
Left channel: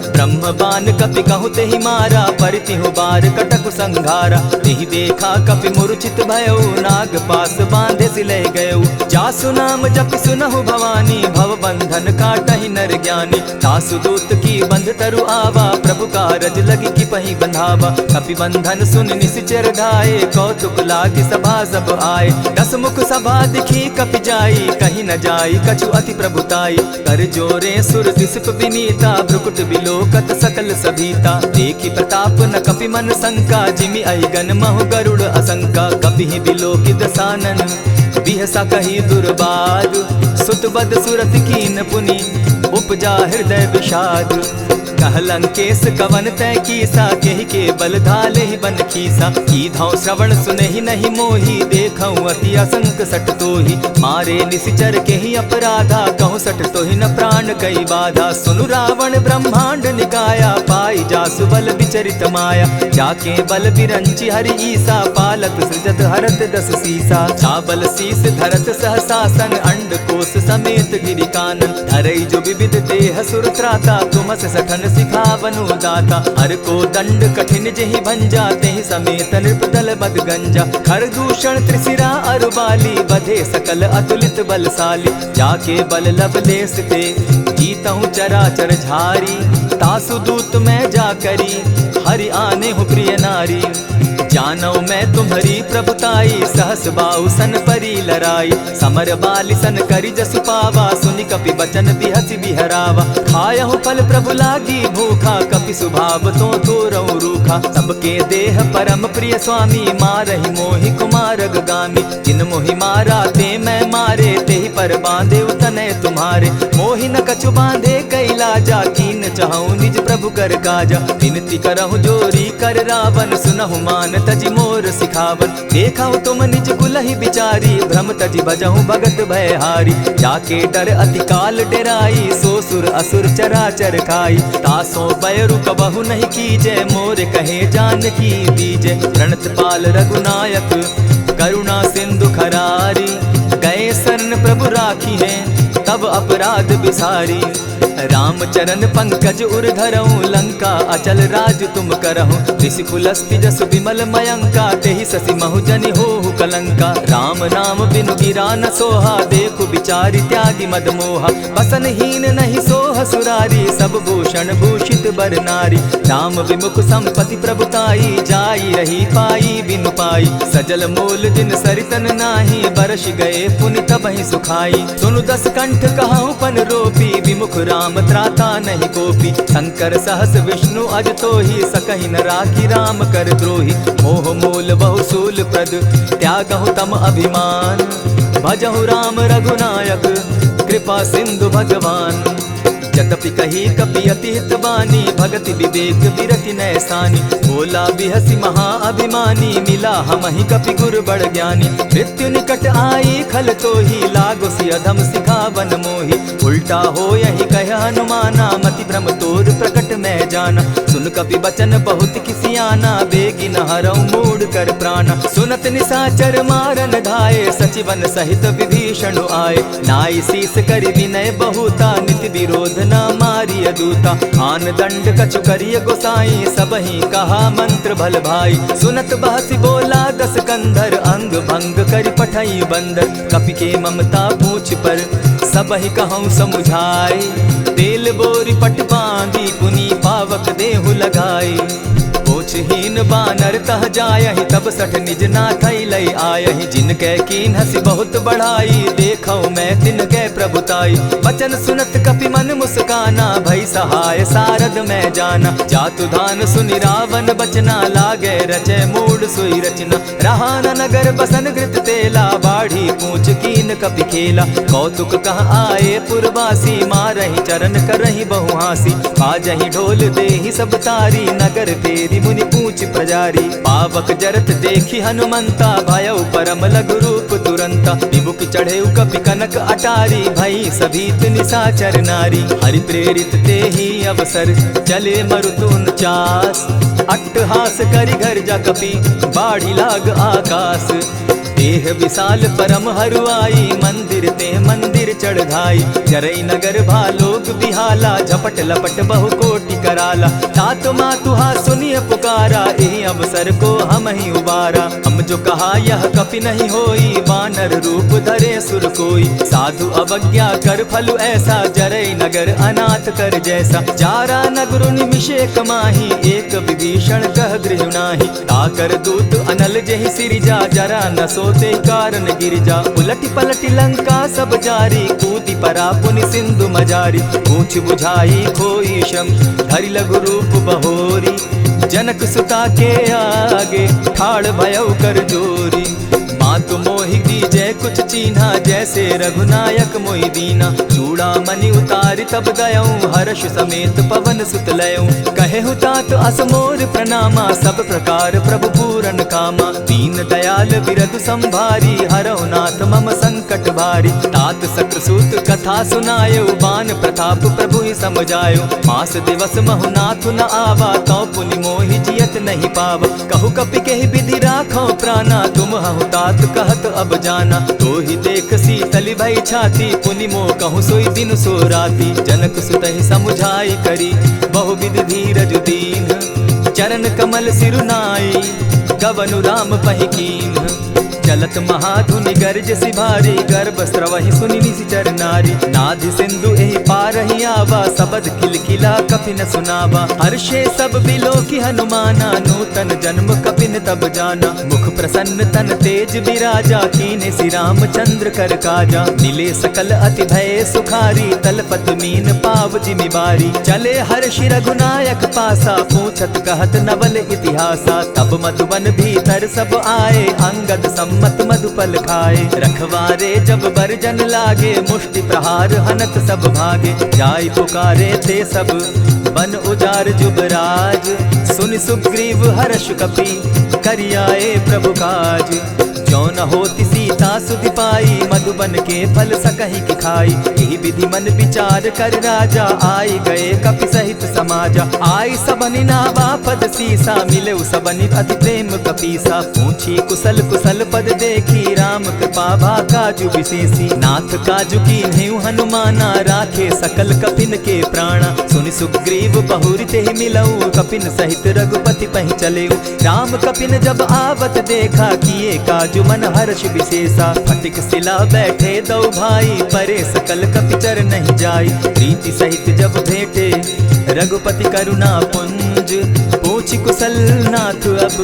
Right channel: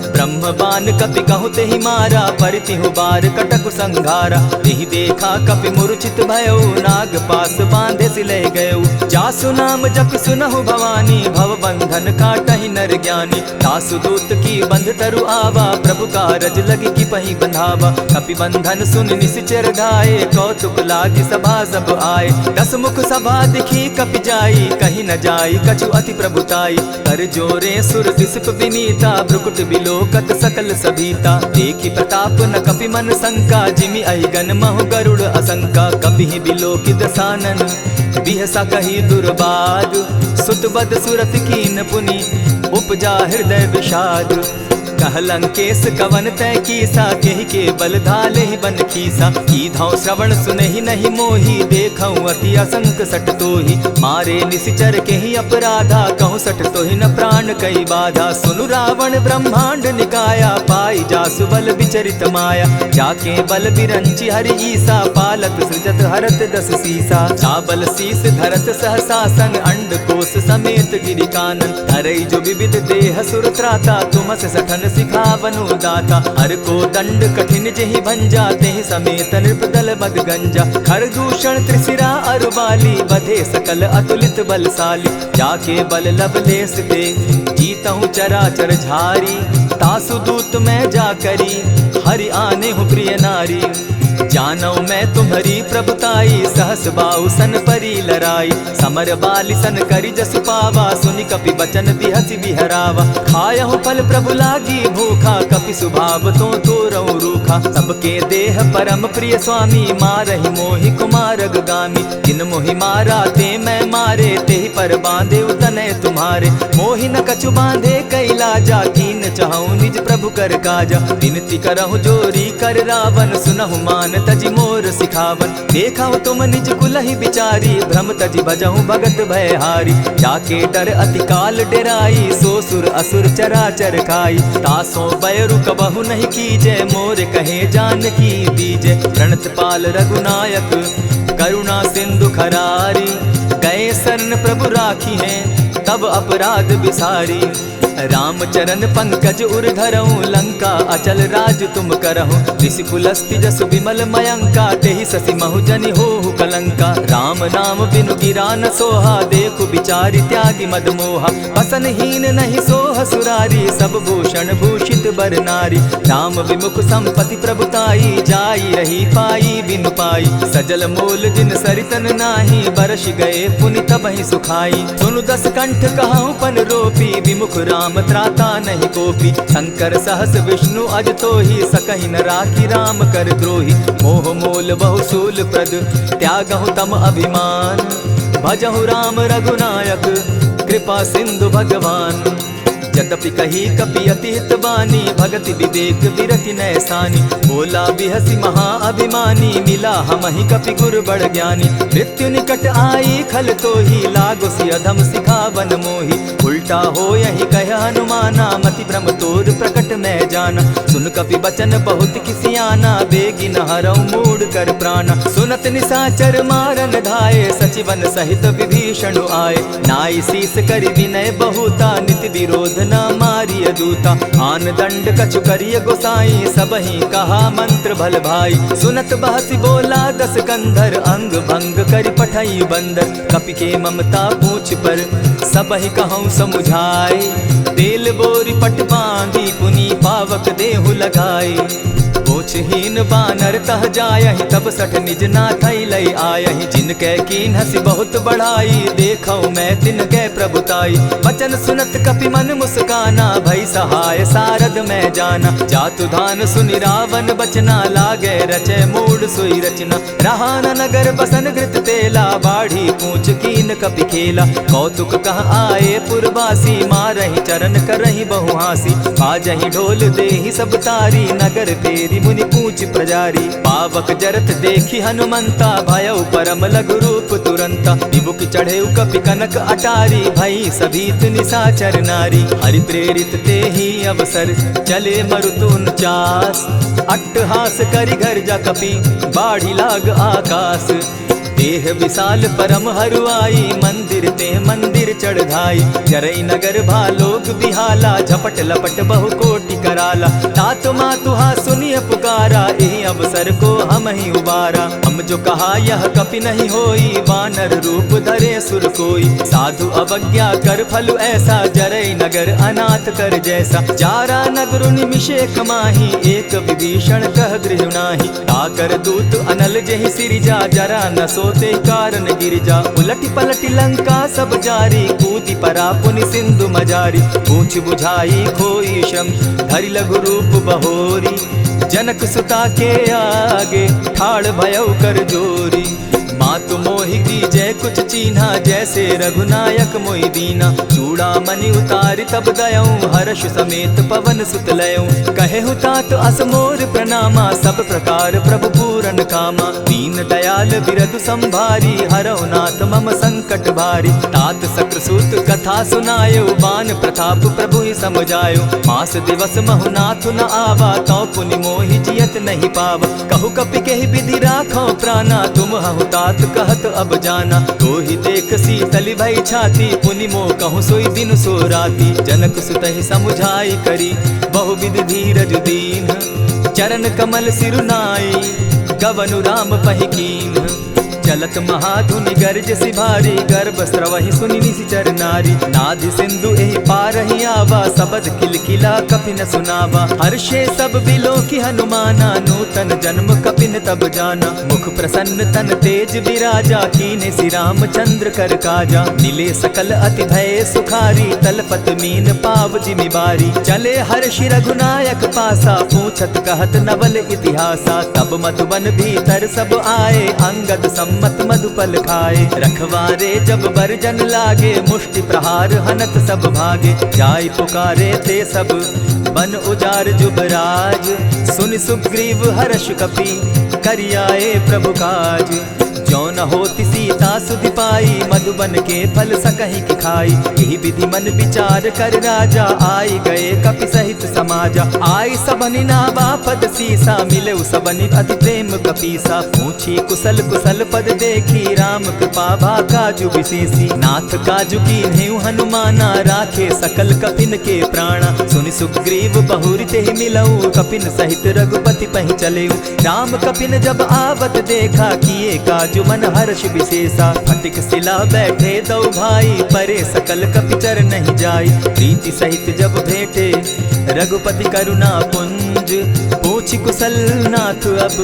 ब्रह्म बान कपि कहु तेहि मारा, परितिहु बार कटक संघारा। तेहि देखा कपि मूर्छित भयो, नाग पास बांधे सिले गयो। जासु नाम जपि सुनहु भवानी, भव बंधन काटहि नर ज्ञानी। तासु दूत की बंध तरु आवा, प्रभु कारज लगी कि पहि बंधावा। कपि बंधन सुन निश्चर धाये, कौतुक लागी सभा सब आए। दस मुख सभा दिखी कपि जाई, कहीं न जाई कछु अति प्रभुताई। कर जोरे सुर दिसप विनीता, भ्रुकुट बिलोकत सकल सभीता। देखि प्रताप न कपि मन शंका, जिमि अहिगन महु गरुड़ असंका। कपि बिलोकि दसानन, बिहसा कही दुर्बाद। सुत बद सुरत कीन पुनि, उपजा हृदय विषाद। कह लंकेश कवन तै कीसा, केहि के बल धाले ही बन खीसा। कीधौ श्रवण सुनहि नहीं मोही, देखऊं अति असंक सट तोही। मारे निशिचर केहि अपराधा, कहूँ सट तोहि न प्राण कई बाधा। सुनु रावण ब्रह्मांड निकाया, पाई जासु बल विचरित माया। जाके बल बिरंचि हरि ईसा, पालत सृजत हरत दस सीसा। चाबल शीस धरत सहसासन, अंड कोश समेत गिरि कानन। धरई जो विविध देह सुर त्राता, तुमस सठन सिखावनु दाता। हर को दंड कठिन जेहि भंजा, तेहि समेत नृपदल बद गंजा। खर दूषण त्रिशिरा अरुबाली, बधे सकल अतुलित बलशाली। जाके बल लवलेस ते, जीतहु चराचर झारी। तासु दूत मैं जा करी, हरि आने हूँ प्रिय नारी। जानौ मैं तुम्हारी प्रभुताई, सहस बाहु सन परी लराई। समर बाली सन करी जसु पावा, सुनि कपि बचन बिहसि बिहरावा। खायहु फल प्रभु लागी भूखा, कपि सुभाव तो तोरऊ रूखा। सबके देह परम प्रिय स्वामी, मारहि मोहि कुमारग गामी। जिन मोहि मारा ते मैं मारे, तेहि पर बांधे उतने तुम्हारे। मोहि न कछु बांधे कैलाजा, कीन चाहूं निज प्रभु कर काजा। विनती करहु जोरी कर रावण, सुनहु मान तजि मोर सिखावन। देखा तुम निज कुलहि बिचारी, भ्रम तजि भजहु भगत भयहारी। जाके डर अति काल डेराई, सो सुर असुर चराचर खाई। तासो बैरु कबहु नहीं कीजे, मोर कहे जानकी दीजे। प्रणत पाल रघुनायक, करुणा सिंधु खरारी। गए शरण प्रभु राखी हैं, तब अपराध बिसारी। रामचरण पंकज उर धरऊं, लंका अचल राज तुम करहूं। ऋषि पुलस्ति जसु विमल मयंका, तेहि ससि महु जनि होहु कलंका। राम नाम बिनु गिरा न सोहा, देखु बिचारी त्यागी मद मोहा। बसन हीन नहीं सोह सुरारी, सब भूषण भूषित बर नारी। राम विमुख संपति प्रभुताई, जाई रही पाई बिनु पाई। सजल मोल जिन सरितन नाही, बरस गए पुनि तबहि सुखाई। सुनु दस कंठ कहूँ पन रोपी, विमुख राम त्राता नहीं कोपी। शंकर सहस विष्णु अज तोहि, सकहि न राखी राम कर द्रोही। मोह मोल बहु सूल प्रद, त्यागहु तम अभिमान। भजहु राम रघुनायक, कृपा सिंधु भगवान। यद्यपि कही कपि अति हित बानी, भगति विवेक विरति नैसानी। बोला बिहसी महा अभिमानी, मिला हमहि कपि गुर बड़ ज्ञानी। मृत्यु निकट आई खल तो ही, लागो सि अधम सिखावन मोही। उल्टा हो यही कह हनुमाना, मति भ्रम तोर प्रकट मैं जाना। सुन कपि बचन बहुत किसियाना, बेगिन हरऊ मूड कर प्राणा। सुनत निशाचर मारन धाये, सचिवन सहित विभीषण आए। नाई शीस करि विनय बहुता, नित विरोध न मारिय दूता। आन दंड कछु करिय गोसाई, सबहि कहा मंत्र भल भाई। सुनत बहसी बोला दस कंधर, अंग भंग करि पठई बंदर। कपि के ममता पूछ पर, सबहि कहूँ समुझाई। तेल बोरी पट बांधी, पुनि पावक देहु लगाई। पूछहीन बानर तह जायहि, तब सठ निज नाथई लई आयहि। जिनके कीन हसी बहुत बढ़ाई, देखौ मैं तिनके प्रभुताई। बचन सुनत कपि मन मुस्काना, भई सहाय सारद मैं जाना। जातु धान सुनि रावण बचना, लागे रचे मूड सोई रचना। रहा न नगर बसन घृत तेला, बाढ़ी पूछ कीन कपि खेला। कौतुक कह आए पुरवासी, मारहि चरण करहि बहुहासी। बाजहि ढोल देहि सब तारी, नगर तेरी मुनि पूछ प्रजारी। पावक जरत देखी हनुमंता, भयउ परम लघु रूप तुरंता। विमुख चढ़े कपि कनक अटारी, भई सभीत निशाचर नारी। हरि प्रेरित ते ही अवसर, चले मरुतुन चास। अट्टहास करि घर जा कपि, बाढ़ी लाग आकाश। देह विशाल परम हरुआई, मंदिर ते मंदिर चढ़ाई। जरई नगर भालोग बिहाला, झपट लपट बहु कोटि कराला। तात मातुहा सुनिय पुकारा, एहि अवसर को हम ही उबारा। हम जो कहा यह कपि नहीं होई, वानर रूप धरे सुर कोई। साधु अवज्ञा कर फल ऐसा, जरई नगर अनाथ कर जैसा। जारा नगर निमिषे कमाही, एक विभीषण कह गृह नाही। ताकर दूत अनल जेहि सिरिजा, जरा न सोते कारण गिरिजा। उलटि पलटि लंका सब जारी, कूदी परा पुनि सिंधु मजारी। पूछ बुझाई खोई श्रम, धरि लघु रूप बहोरी। जनक सुता के आगे, ठाड़ भयउ कर जोरी। मातु मोहि दीजै कुछ चीन्हा, जैसे रघुनायक मोहि दीना। चूड़ामणि उतारि तब गयऊँ, हर्ष समेत पवन सुत लयऊँ। कहेहु तात असमोर प्रणामा, सब प्रकार प्रभु पूरन कामा। दीन दयाल बिरदु संभारी, हरौ नाथ मम संकट भारी। तात सक्रसूत कथा सुनायो, बान प्रताप प्रभु ही समझायो। मास दिवस महु नाथ न आवा, तौ पुनि मोहि जियत नहीं पावा। कहु कपि केहि विधि राखो प्राणा, तुम हहु तात कहत अब जाना। तो ही देख शीतल भई छाती, पुनि मो कहूँ सोई दिन सो राती। जनक सुतहि समुझाई करी, बहु विधि धीरज दीन। चरण कमल सिरुनाई, गवनु राम पहि कीन। चलत महाधुनि गर्ज सिभारी, गर्भ स्रवहि सुनि निशिचर नारी। नाधि सिंधु एहि पारहि आवा, सबद किलकिला कपि न सुनावा। हर्षे सब बिलोकि हनुमाना, नूतन जन्म कपिन तब जाना। मुख प्रसन्न तन तेज विराजा, कीने श्री रामचंद्र कर काजा। मिले सकल अति भय सुखारी, तलपत मीन पाव जिमि बारी। चले हर्षि रघुनायक पासा, पूछत कहत नवल इतिहासा। तब मधुबन भीतर सब आए, अंगद मत मधुपल खाए। रखवारे जब बरजन लागे, मुष्टि प्रहार हनत सब भागे। जाय पुकारे ते सब, बन उजार जुबराज। सुन सुग्रीव हर्ष कपि, करियाए प्रभु काज। जो न होती सीता सुधि पाई, मधुबन के फल सकहि की खाई। यही विधि मन विचार कर राजा, आई गए कपि सहित समाजा। आई सबनि नावा पद सीसा, मिले सबनि अति प्रेम कपीसा। पूछी कुशल कुशल पद देखी, राम कृपा भा काजु विशेषी। नाथ काजु कीन्हेउ हनुमाना, राखे सकल कपिन के प्राणा। सुनि सुग्रीव बहुरि तेहि मिलऊ, कपिन सहित रघुपति पहि चलेऊ। राम कपिन जब आवत देखा, किए काजु मन हर्ष विशेषा। फटिक सिला बैठे दो भाई, परे सकल कपिचर नहीं जाई। प्रीति सहित जब भेटे, रघुपति करुणा पुंज। पूछ कुशल नाथ अब,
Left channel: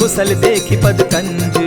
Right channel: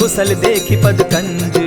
कुशल देखि पद कंज।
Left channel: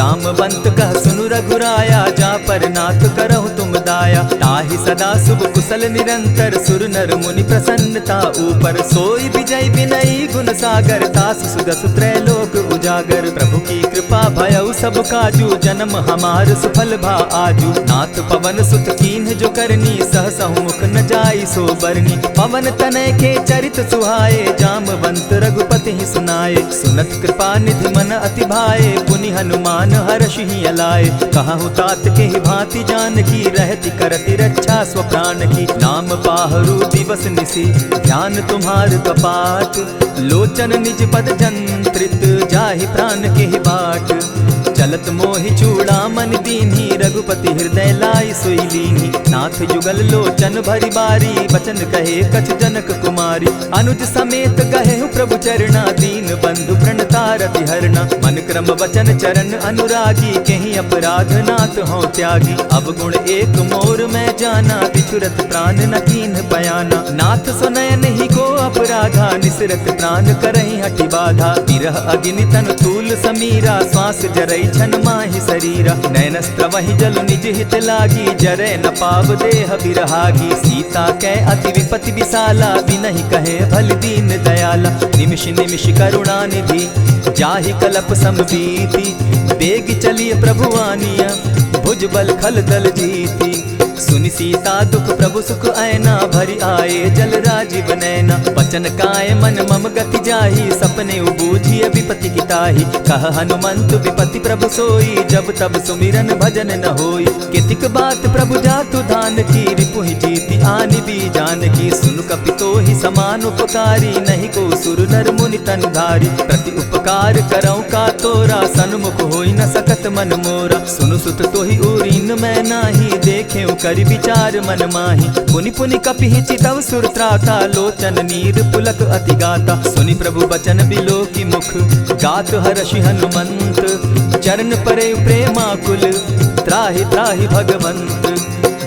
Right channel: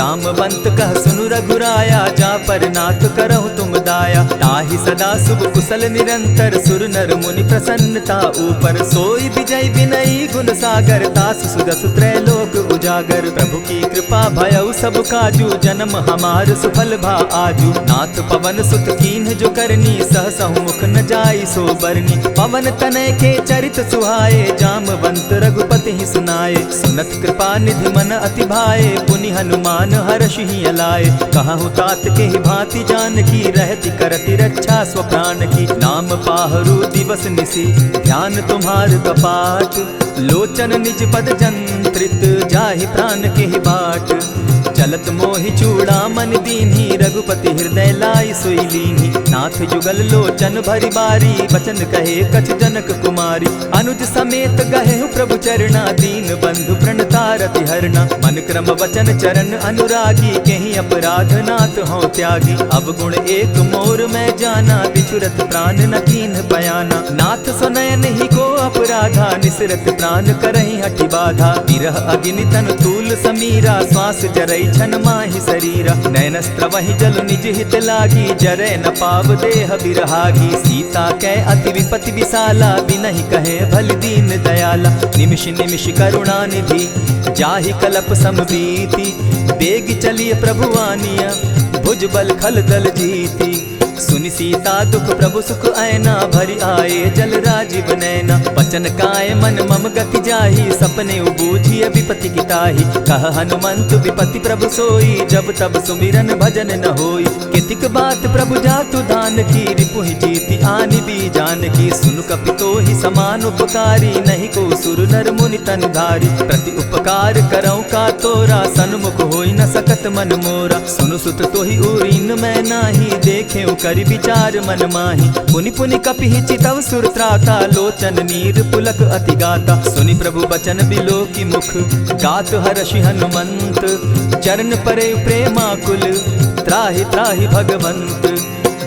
जामवंत कह सुनु रघुराया, जा पर नाथ करहु तुम दाया। ताहि सदा शुभ कुशल निरंतर, सुर नर मुनि प्रसन्नता ऊपर। सोई विजय विनयी गुण सागर, तासु सुदसु त्रैलोक उजागर। प्रभु की कृपा भयउ सब काजू, जन्म हमार सुफल भा आजू। नाथ पवन सुत कीन्ह जो करनी, सहसहु मुख न जाई सो बरनी। पवन तनय के चरित सुहाए, जामवंत रघुपति ही सुनाए। सुनत कृपा निधि मन अति भाए, पुनि हनुमान हर्षि ही अलाए। कहु तात के ही भांति जानकी, रहति करति रक्षा स्व प्राण की। नाम पाहरु दिवस निसी, ध्यान तुम्हार कपाट। लोचन निज पद जंत्रित, जाहि प्राण के ही बाट। चलत मोहि चूड़ामणि दीन्ही, रघुपति हृदय लाई सोई लीन्ही। नाथ युगल लोचन भरि बारी, बचन कहे कछ जनक कुमारी। अनुज समेत गहेहु प्रभु चरणा, दीन बंधु प्रणतारति हरना। मन क्रम वचन चरण अनुरागी, केहि अपराध नाथ हो त्यागी। अब गुण एक मोर मैं जाना, बिछुरत प्राण न कीन्ह बयाना। नाथ सुनयन ही को अपराधा, निसरत प्राण करहि हठि बाधा। विरह अग्नि तन तूल समीरा, श्वास जरई छन माहि शरीरा। नैनस्त्र वहि जल निज हित लागी, जरै न पाव देह बिरहागी। सीता कै अति विपति विशाला, बिनहि कहे भल दीन दयाला। निमिष निमिष करुणा निधि, जाहि कलप समबीति। बेग चलिए प्रभु आनिया, भुज बल खल दल जीती। सुनि सीता दुख प्रभु सुख ऐना, भरि आए जल राजीव नैना। बचन काय मन मम गति जाहि, सपने बूझिय विपति किताहि। कह हनुमंत विपति प्रभु सोई, जब तब सुमिरन भजन न होई। कितिक बात प्रभु जातु धान की, रिपुहि जीति आनि भी जानकी। सुनु कपितो ही समान उपकारी, नहीं को सुर नर मुनि तनुधारी। प्रति उपकार करऊँ का तोरा, सन्मुख होई न सकत मन मोरा। सुनु सुत तोहि उरीन मैं नाही, देखे करि विचार मन माही। पुनि पुनि कपिहि चितव सुर त्राता, लोचन नीर पुलक अति गाता। सुनि प्रभु बचन बिलो की मुख, गात हर्षि हनुमंत। चरण परे प्रेमाकुल, त्राहि त्राहि भगवंत।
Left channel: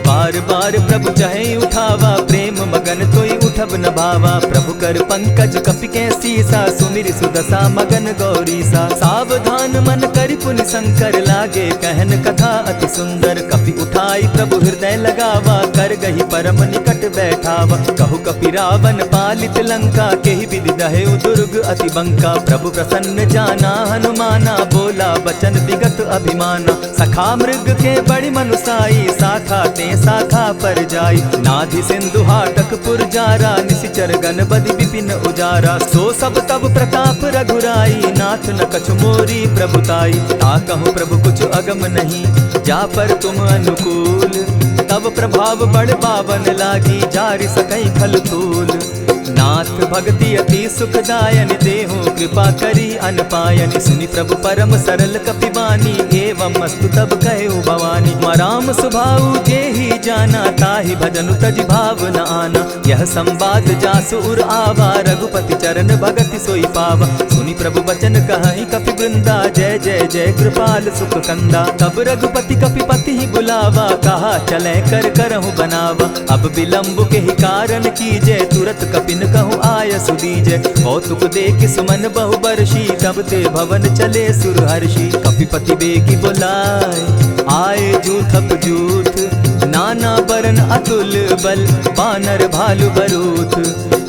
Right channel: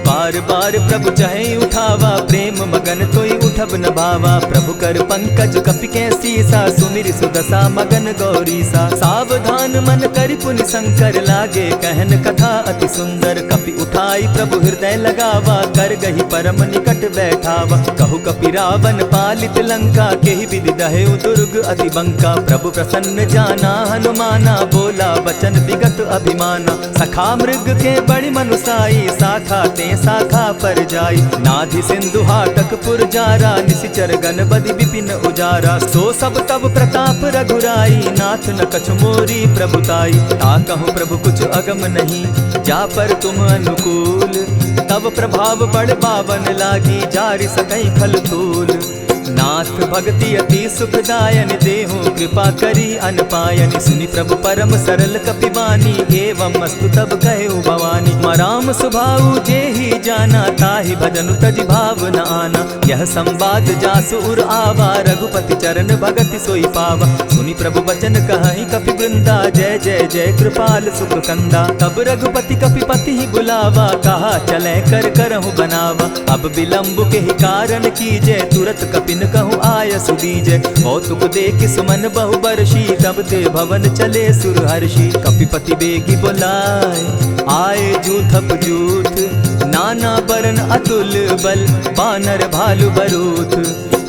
बार बार प्रभु चाहे उठावा, प्रेम मगन तोई उठब न भावा। प्रभु कर पंकज कपि के सीसा, सुमिर सुदशा मगन गौरीसा। सावधान मन करि पुनि शंकर, लागे कहन कथा अति सुंदर। कपि उठाई प्रभु हृदय लगावा, कर गही परम निकट बैठावा। कहु कपि रावण पालित लंका, केहि विधि दहेउ दुर्ग अति बंका। प्रभु प्रसन्न जाना हनुमाना, बोला बचन विगत अभिमाना। सखा मृग के बड़ि मनुसाई, साखा ते शाखा पर जाई। नाधि सिंधु हाटक पुर जारा, निशिचर गण बदि विपिन उजारा। सो सब तब प्रताप रघुराई, नाथ न कछु मोरी प्रभुताई। ताकहु प्रभु कुछ अगम नहीं, जा पर तुम अनुकूल। तब प्रभाव बड़ बावन लागी, जारि सकई खल तूल। नाथ भक्ति अति सुखदायन, देहु कृपा करी अनपायनि। सुनि प्रभु परम सरल कपिबानी, एवं मस्तु तब कहु भवानी। मराम सुभाऊ जेहि जाना, ताहि भजनु तजि भाव न आना। यह संवाद जासु उर आवा, रघुपति चरण भगति सोई पावा। सुनि प्रभु बचन कहहि कपि वृंदा, जय जय जय कृपाल सुख कंदा। तब रघुपति कपिपति ही बुलावा, कहा चले कर करहु बनावा। अब विलंब के ही कारण कीजय, तुरत कपिन कहूँ आय सुदीजय। कौतुक देख सुमन बहु बरसी, तब ते भवन चले सुर हर्षि। कपिपति बेगी बुलाए, आए जूथप जूथ। नाना बरन अतुल बल, बानर भालु बरूथ।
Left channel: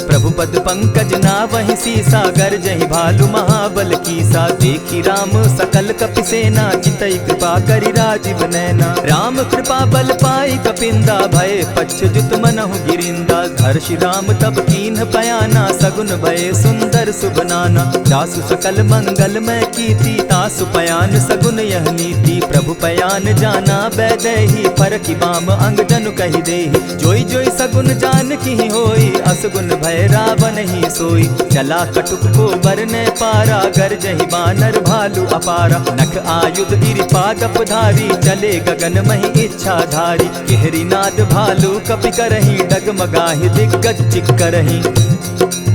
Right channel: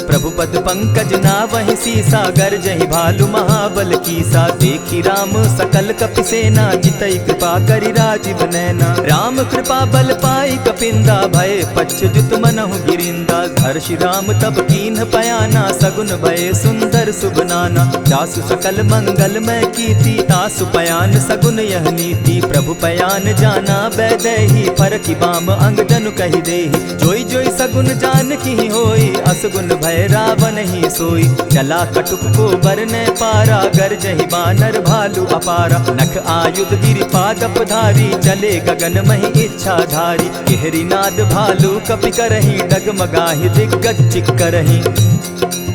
प्रभु पद पंकज नावहि सीसा, गरजहि भालु महाबल कीसा। देखी राम सकल कपि सेना, चितई कृपा करि राजीव नैना। राम कृपा बल पाई कपिंदा, भय पच्युत मनहु गिरिंदा। हर्षि राम तब कीन्ह पयाना, सगुन भय सुंदर शुभ नाना। जासु सकल मंगलमय कीर्ति, तासु पयान सगुन यह नीति। प्रभु पयान जाना बैदेही, फरकि बाम अंग जनु कहि देहि। जोई जोई सगुन जान की होई, असगुन भय रावण ही सोई। चला कटुक को बरने पारा, गरजहि बानर भालु अपारा। नख आयुध गिरि पादप धारी, चले गगन महि इच्छा धारी। केहरी नाद भालु कपि करहि, डगमगाहि दिग्गज चिक्करहि।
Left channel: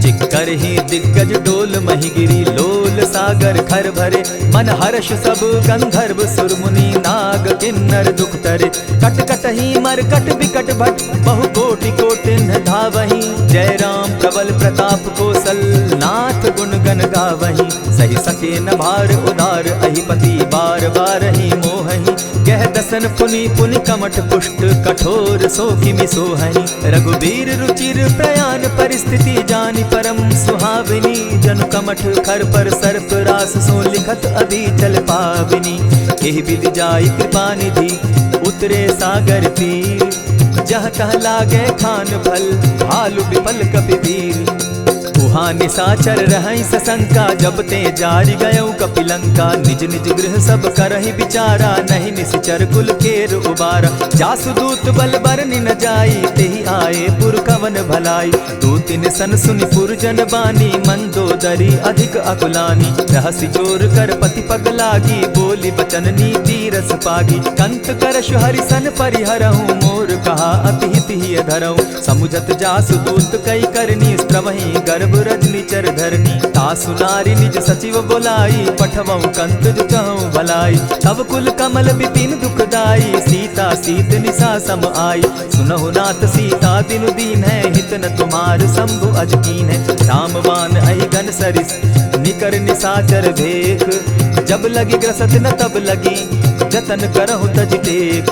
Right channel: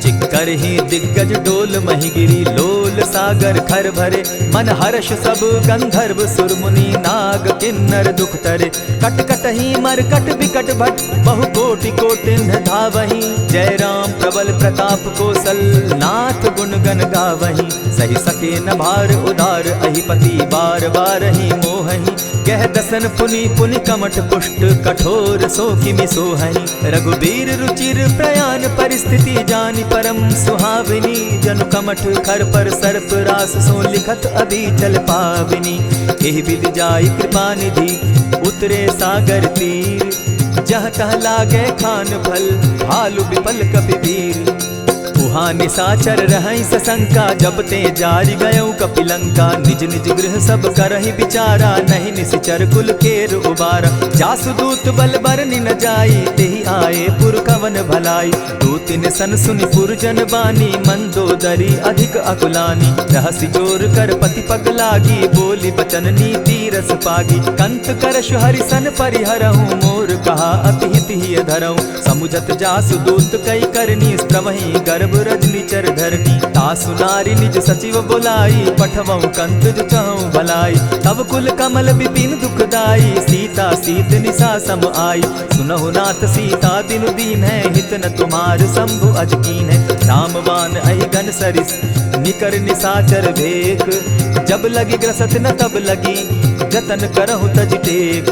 चिक्करहि दिग्गज डोल महि गिरी, लोल सागर खर भरे। मन हर्ष सब गंधर्व सुर मुनि, नाग किन्नर दुख तरे। कट कटहि मरकट बिकट भट, बहु कोटि कोटिन्ह धावहि। जय राम प्रबल प्रताप कौशल नाथ गुण गण गावहीं। सही सके न भार उदार अहिपति बार बार ही मोहहीं। कह दसन पुनि पुनि कमठ पुष्ट कठोर सो किमि सोहहीं। रघुबीर रुचिर प्रयाण परिस्थिति जानि परम सुहाविनी। जनु कमठ खर पर सर्प रास सो लिखत अभी चल पाविनी। एहि विधि जाई कृपा निधि उतरे सागर तीर। जहाँ तह लागे खान फल भालु विपल कपिवीर। उहाँ निशाचर रहई सशंका जब ते जारी गयऊ कपिलंका। निज निज गृह सब करहि विचारा नहीं निशिचर कुल केर उबारा। जासु दूत बल बरनि न जाई तेहि आए पुर कवन भलाई। दो तिन सन सुनि पुरजन बानी मंदोदरी अधिक अकुलानी। रहसि जोर कर पति पग लागी बोली बचन नीति रस पागी। कंत करश हरिसन परिहरहूँ मोर कहा अति हित ही धरऊँ। समुझत जासु दूत कई करनी स्त्रवहीं गर्भ रजनी चर धरनी। तासु नारी निज सचिव बोलाई पठवऊ कंत जो चहु भलाई। तब कुल कमल विपिन दुखदाई सीता सीत निशा सम आई। सुनहु नाथ सीता बिनु दीन है हित न तुम्हार शंभु अजकीन है। रामवान अहि गन सरिस निकर निशाचर भेक। जब लगी ग्रसत न तब लगी जतन करहु तज टेक।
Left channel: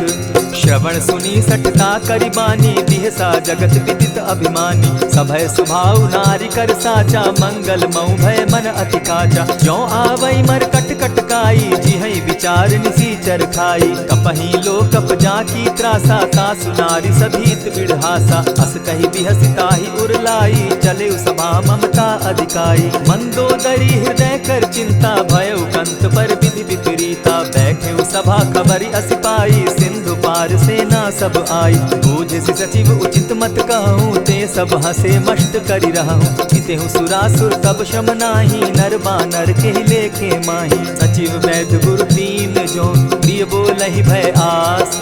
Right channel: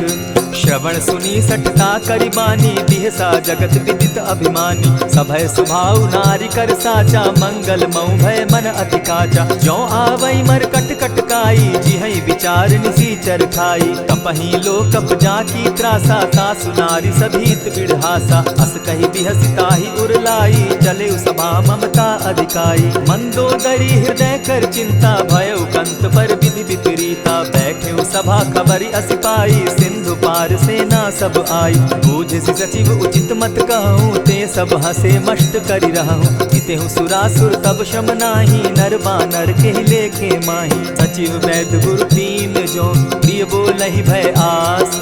श्रवण सुनी सठता करिबानी बिहसा जगत विदित अभिमानी। सभय सुभाव नारी कर साचा मंगल मऊ भय मन अति काचा। जो आवई मर कट कट काई जिहई विचार निसीचर खाई। कपही लो कप जाकी त्रासा तासु नारी सभीत बिढ़ासा। अस कही बिहसिता ही उरलाई चले सभा ममता अधिकाई। मंदोदरी हृदय कर चिंता भयउ कंत पर विधि विपरीता। बैठे सभा खबरी असिपाई सिंधु पार सेना सब आई। बूझ सचिव उचित मत कहूँ ते सब हसे मष्ट करि रहूँ। जितेहु सुरासुर तब शम नाही नर बानर के लेखे माही। सचिव वैद्य गुरु तीन जो प्रिय बोलहि भय आस।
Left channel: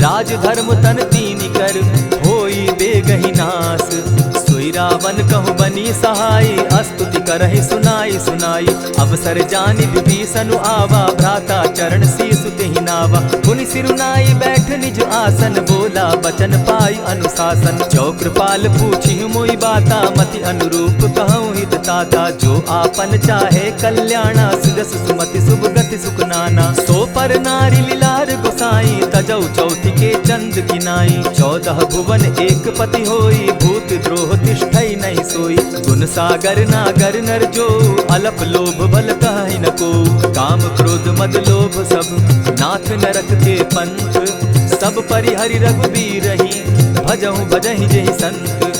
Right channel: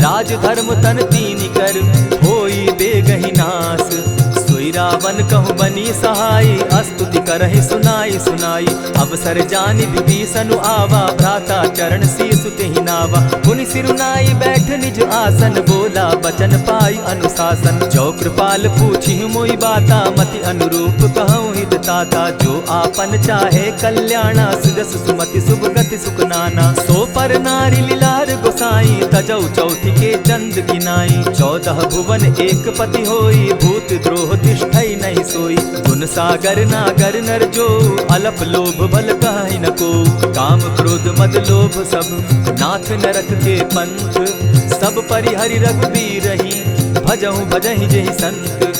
राज धर्म तन तीन कर होई बेगहि नास। सोई रावण कहु बनी सहाई अस्तुति करहि सुनाई सुनाई। अवसर जानि विभीषण आवा भ्राता चरण शीसु तेहि नावा। पुनि सिरुनाई बैठ निज आसन बोला बचन पाई अनुशासन। जो कृपाल पूछि मोई बाता मति अनुरूप कहूँ हित ताता। जो आपन चाहे कल्याणा सुजस सुमति शुभ गति सुख नाना। सो पर नारी लीलार गोसाई तजौ चौथी के चंद किनाई। 14 भुवन एक पति होई भूत द्रोह तिष्ठई नहीं सोई। गुण सागर नागर नर जो अलप लोभ बल कहि न को। काम क्रोध मद लोभ सब नाथ नरक के पंथ। सब परिहरि रघुबीरहि भजहु भजहि जेहि संत।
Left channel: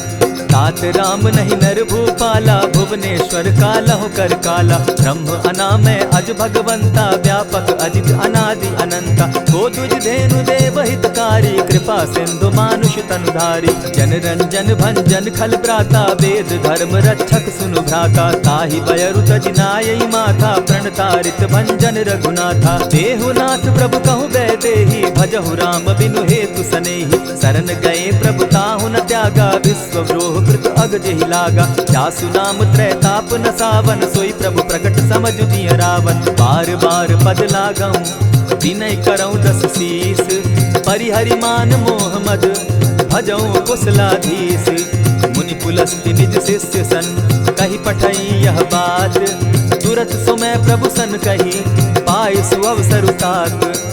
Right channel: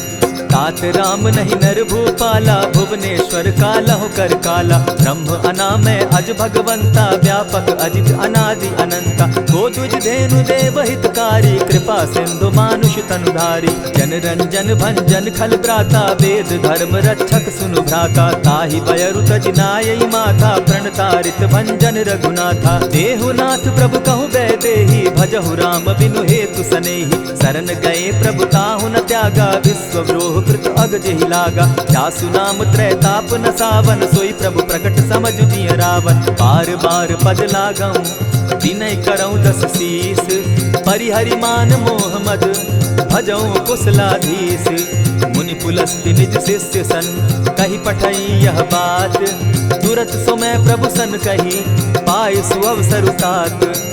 तात राम नहीं नर भूपाला भुवनेश्वर कालहु कर काला। ब्रह्म अनामय अज भगवंता व्यापक अजित अनादि अनंता। को तुझ धेनु देव हितकारी कृपा सिंधु मानुष तनुधारी। जन रंजन भंजन खल भ्राता वेद धर्म रक्षक सुनु भ्राता। ताहि बयरु तज नायई माथा प्रणतारित भंजन रघुनाथा। देहुनाथ प्रभु कहु बै देहि भजहु राम बिनु हेतु सनेहि। शरण गए प्रभु ताहु न त्यागा विश्वव्रोह कृत अग जेहि लागा। जासु नाम त्रैताप न सावन सोई प्रभु प्रकट समझ दिय रावण। बार बार पद लागऊं विनय करऊं 10 शीस। परिहरि मान मोह मद भजऊं कुशलाधीश। मुनि पुलस्ति निज शिष्य सन कही पठई यह बात। तुरत सो मैं प्रभु सन कही पाय सुअवसर तात।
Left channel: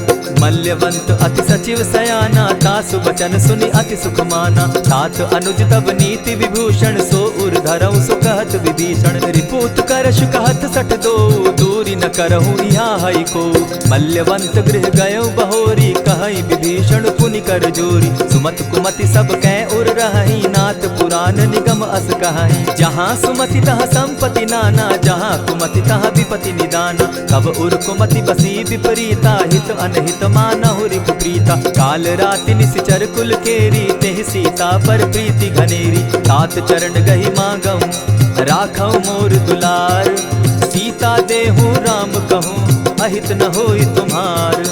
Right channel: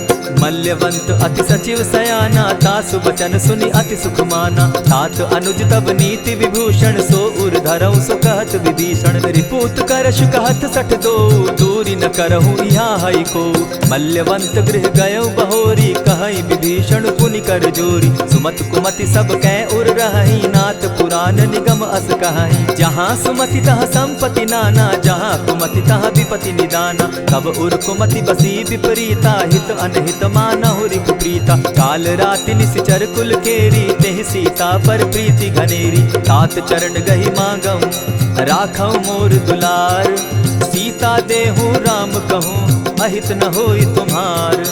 मल्यवंत अति सचिव सयाना तासु बचन सुनि अति सुख माना। तात अनुज तब नीति विभूषण सो उर धरऊं सो कहत विभीषण। रिपुत करश कहत सठ दो दूरी न करहूँ यहाँ हई को। मल्यवंत गृह गयऊ बहोरी कहई विभीषण पुनि कर जोरी। सुमत कुमति सब कै उर रहई नाथ पुराण निगम अस कहई। जहाँ सुमति तहाँ संपत्ति नाना जहाँ कुमति तहाँ विपति निदाना। तब उर कुमति बसी विपरीता हित अनहित मानहु रिपु प्रीता। काल राति निशिचर कुल केरी तेहि सीता पर प्रीति घनेरी। तात चरण गही मांगऊं राखऊं मोर दुलार। सीता देहूं राम कहूं अहित न होई तुम्हार।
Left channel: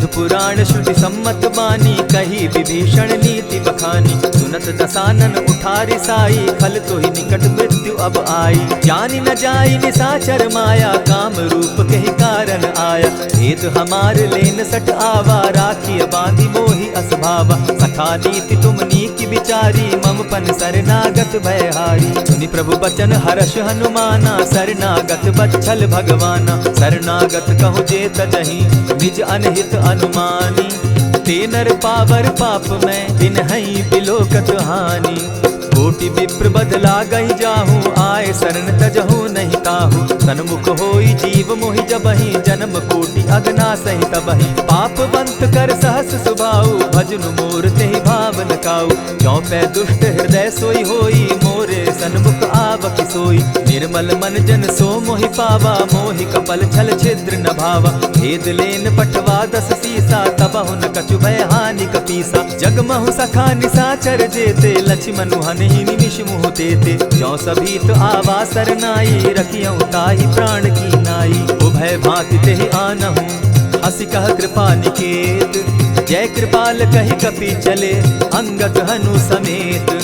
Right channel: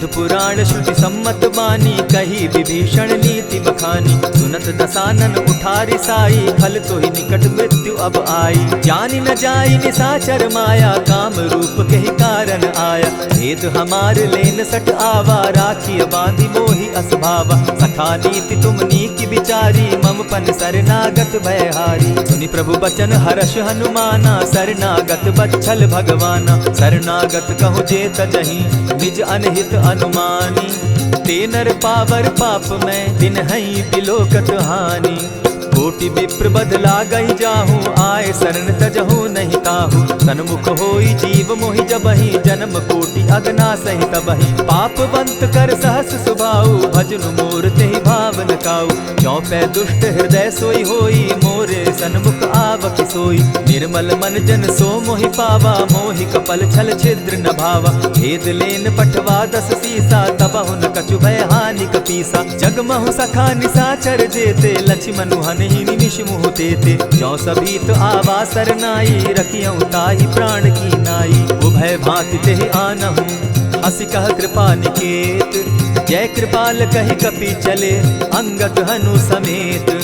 वेद पुराण श्रुति सम्मत बानी, कही विभीषण नीति बखानी। सुनत दसानन उठारी साई, खल तो ही निकट मृत्यु अब आई। जानी न जाई निशाचर माया, काम रूप के ही कारण आया। भेद हमार लेन सट आवा, राखी बांधी मोहि असभावा। सखा नीति तुम नीति विचारी, मम पन शरणागत भयहारी। सुनि प्रभु बचन हर्ष हनुमाना, शरणागत बच्छल भगवाना। शरणागत कहु जे तजहि, निज अनहित अनुमानी। ते नर पावर पाप में, बिन हई बिलोकत हानि। कोटि विप्र बदला गई जाहू, आए शरण तजहू नहीं ताहू। सन्मुख होई जीव मोहि जबहि, जन्म कोटि अगना सहि तबहि। पाप बंत कर सहस सुभाऊ, भजनु मोर तेहि भावन काऊ। जो पै दुष्ट हृदय सोई होई, मोरे सन्मुख आवक सोई। निर्मल मन जन सो मोहि पावा, मोहि कपल छल छिद्र न भावा। भेद लेन पठवा दस सीसा, तबहु न कछु भय हानि कपीसा। जगमहु सखा निशाचर जेते, लक्ष्मण हनि निमिष मुह तेते। जो सभी तो आवा सरनाई, रखियौ ताहि प्राण की नाई। उभय भांति तेहि आनहु, हसी कह कृपा निकेत। जय कृपाल कहि कपि चले, अंगद हनु समेत।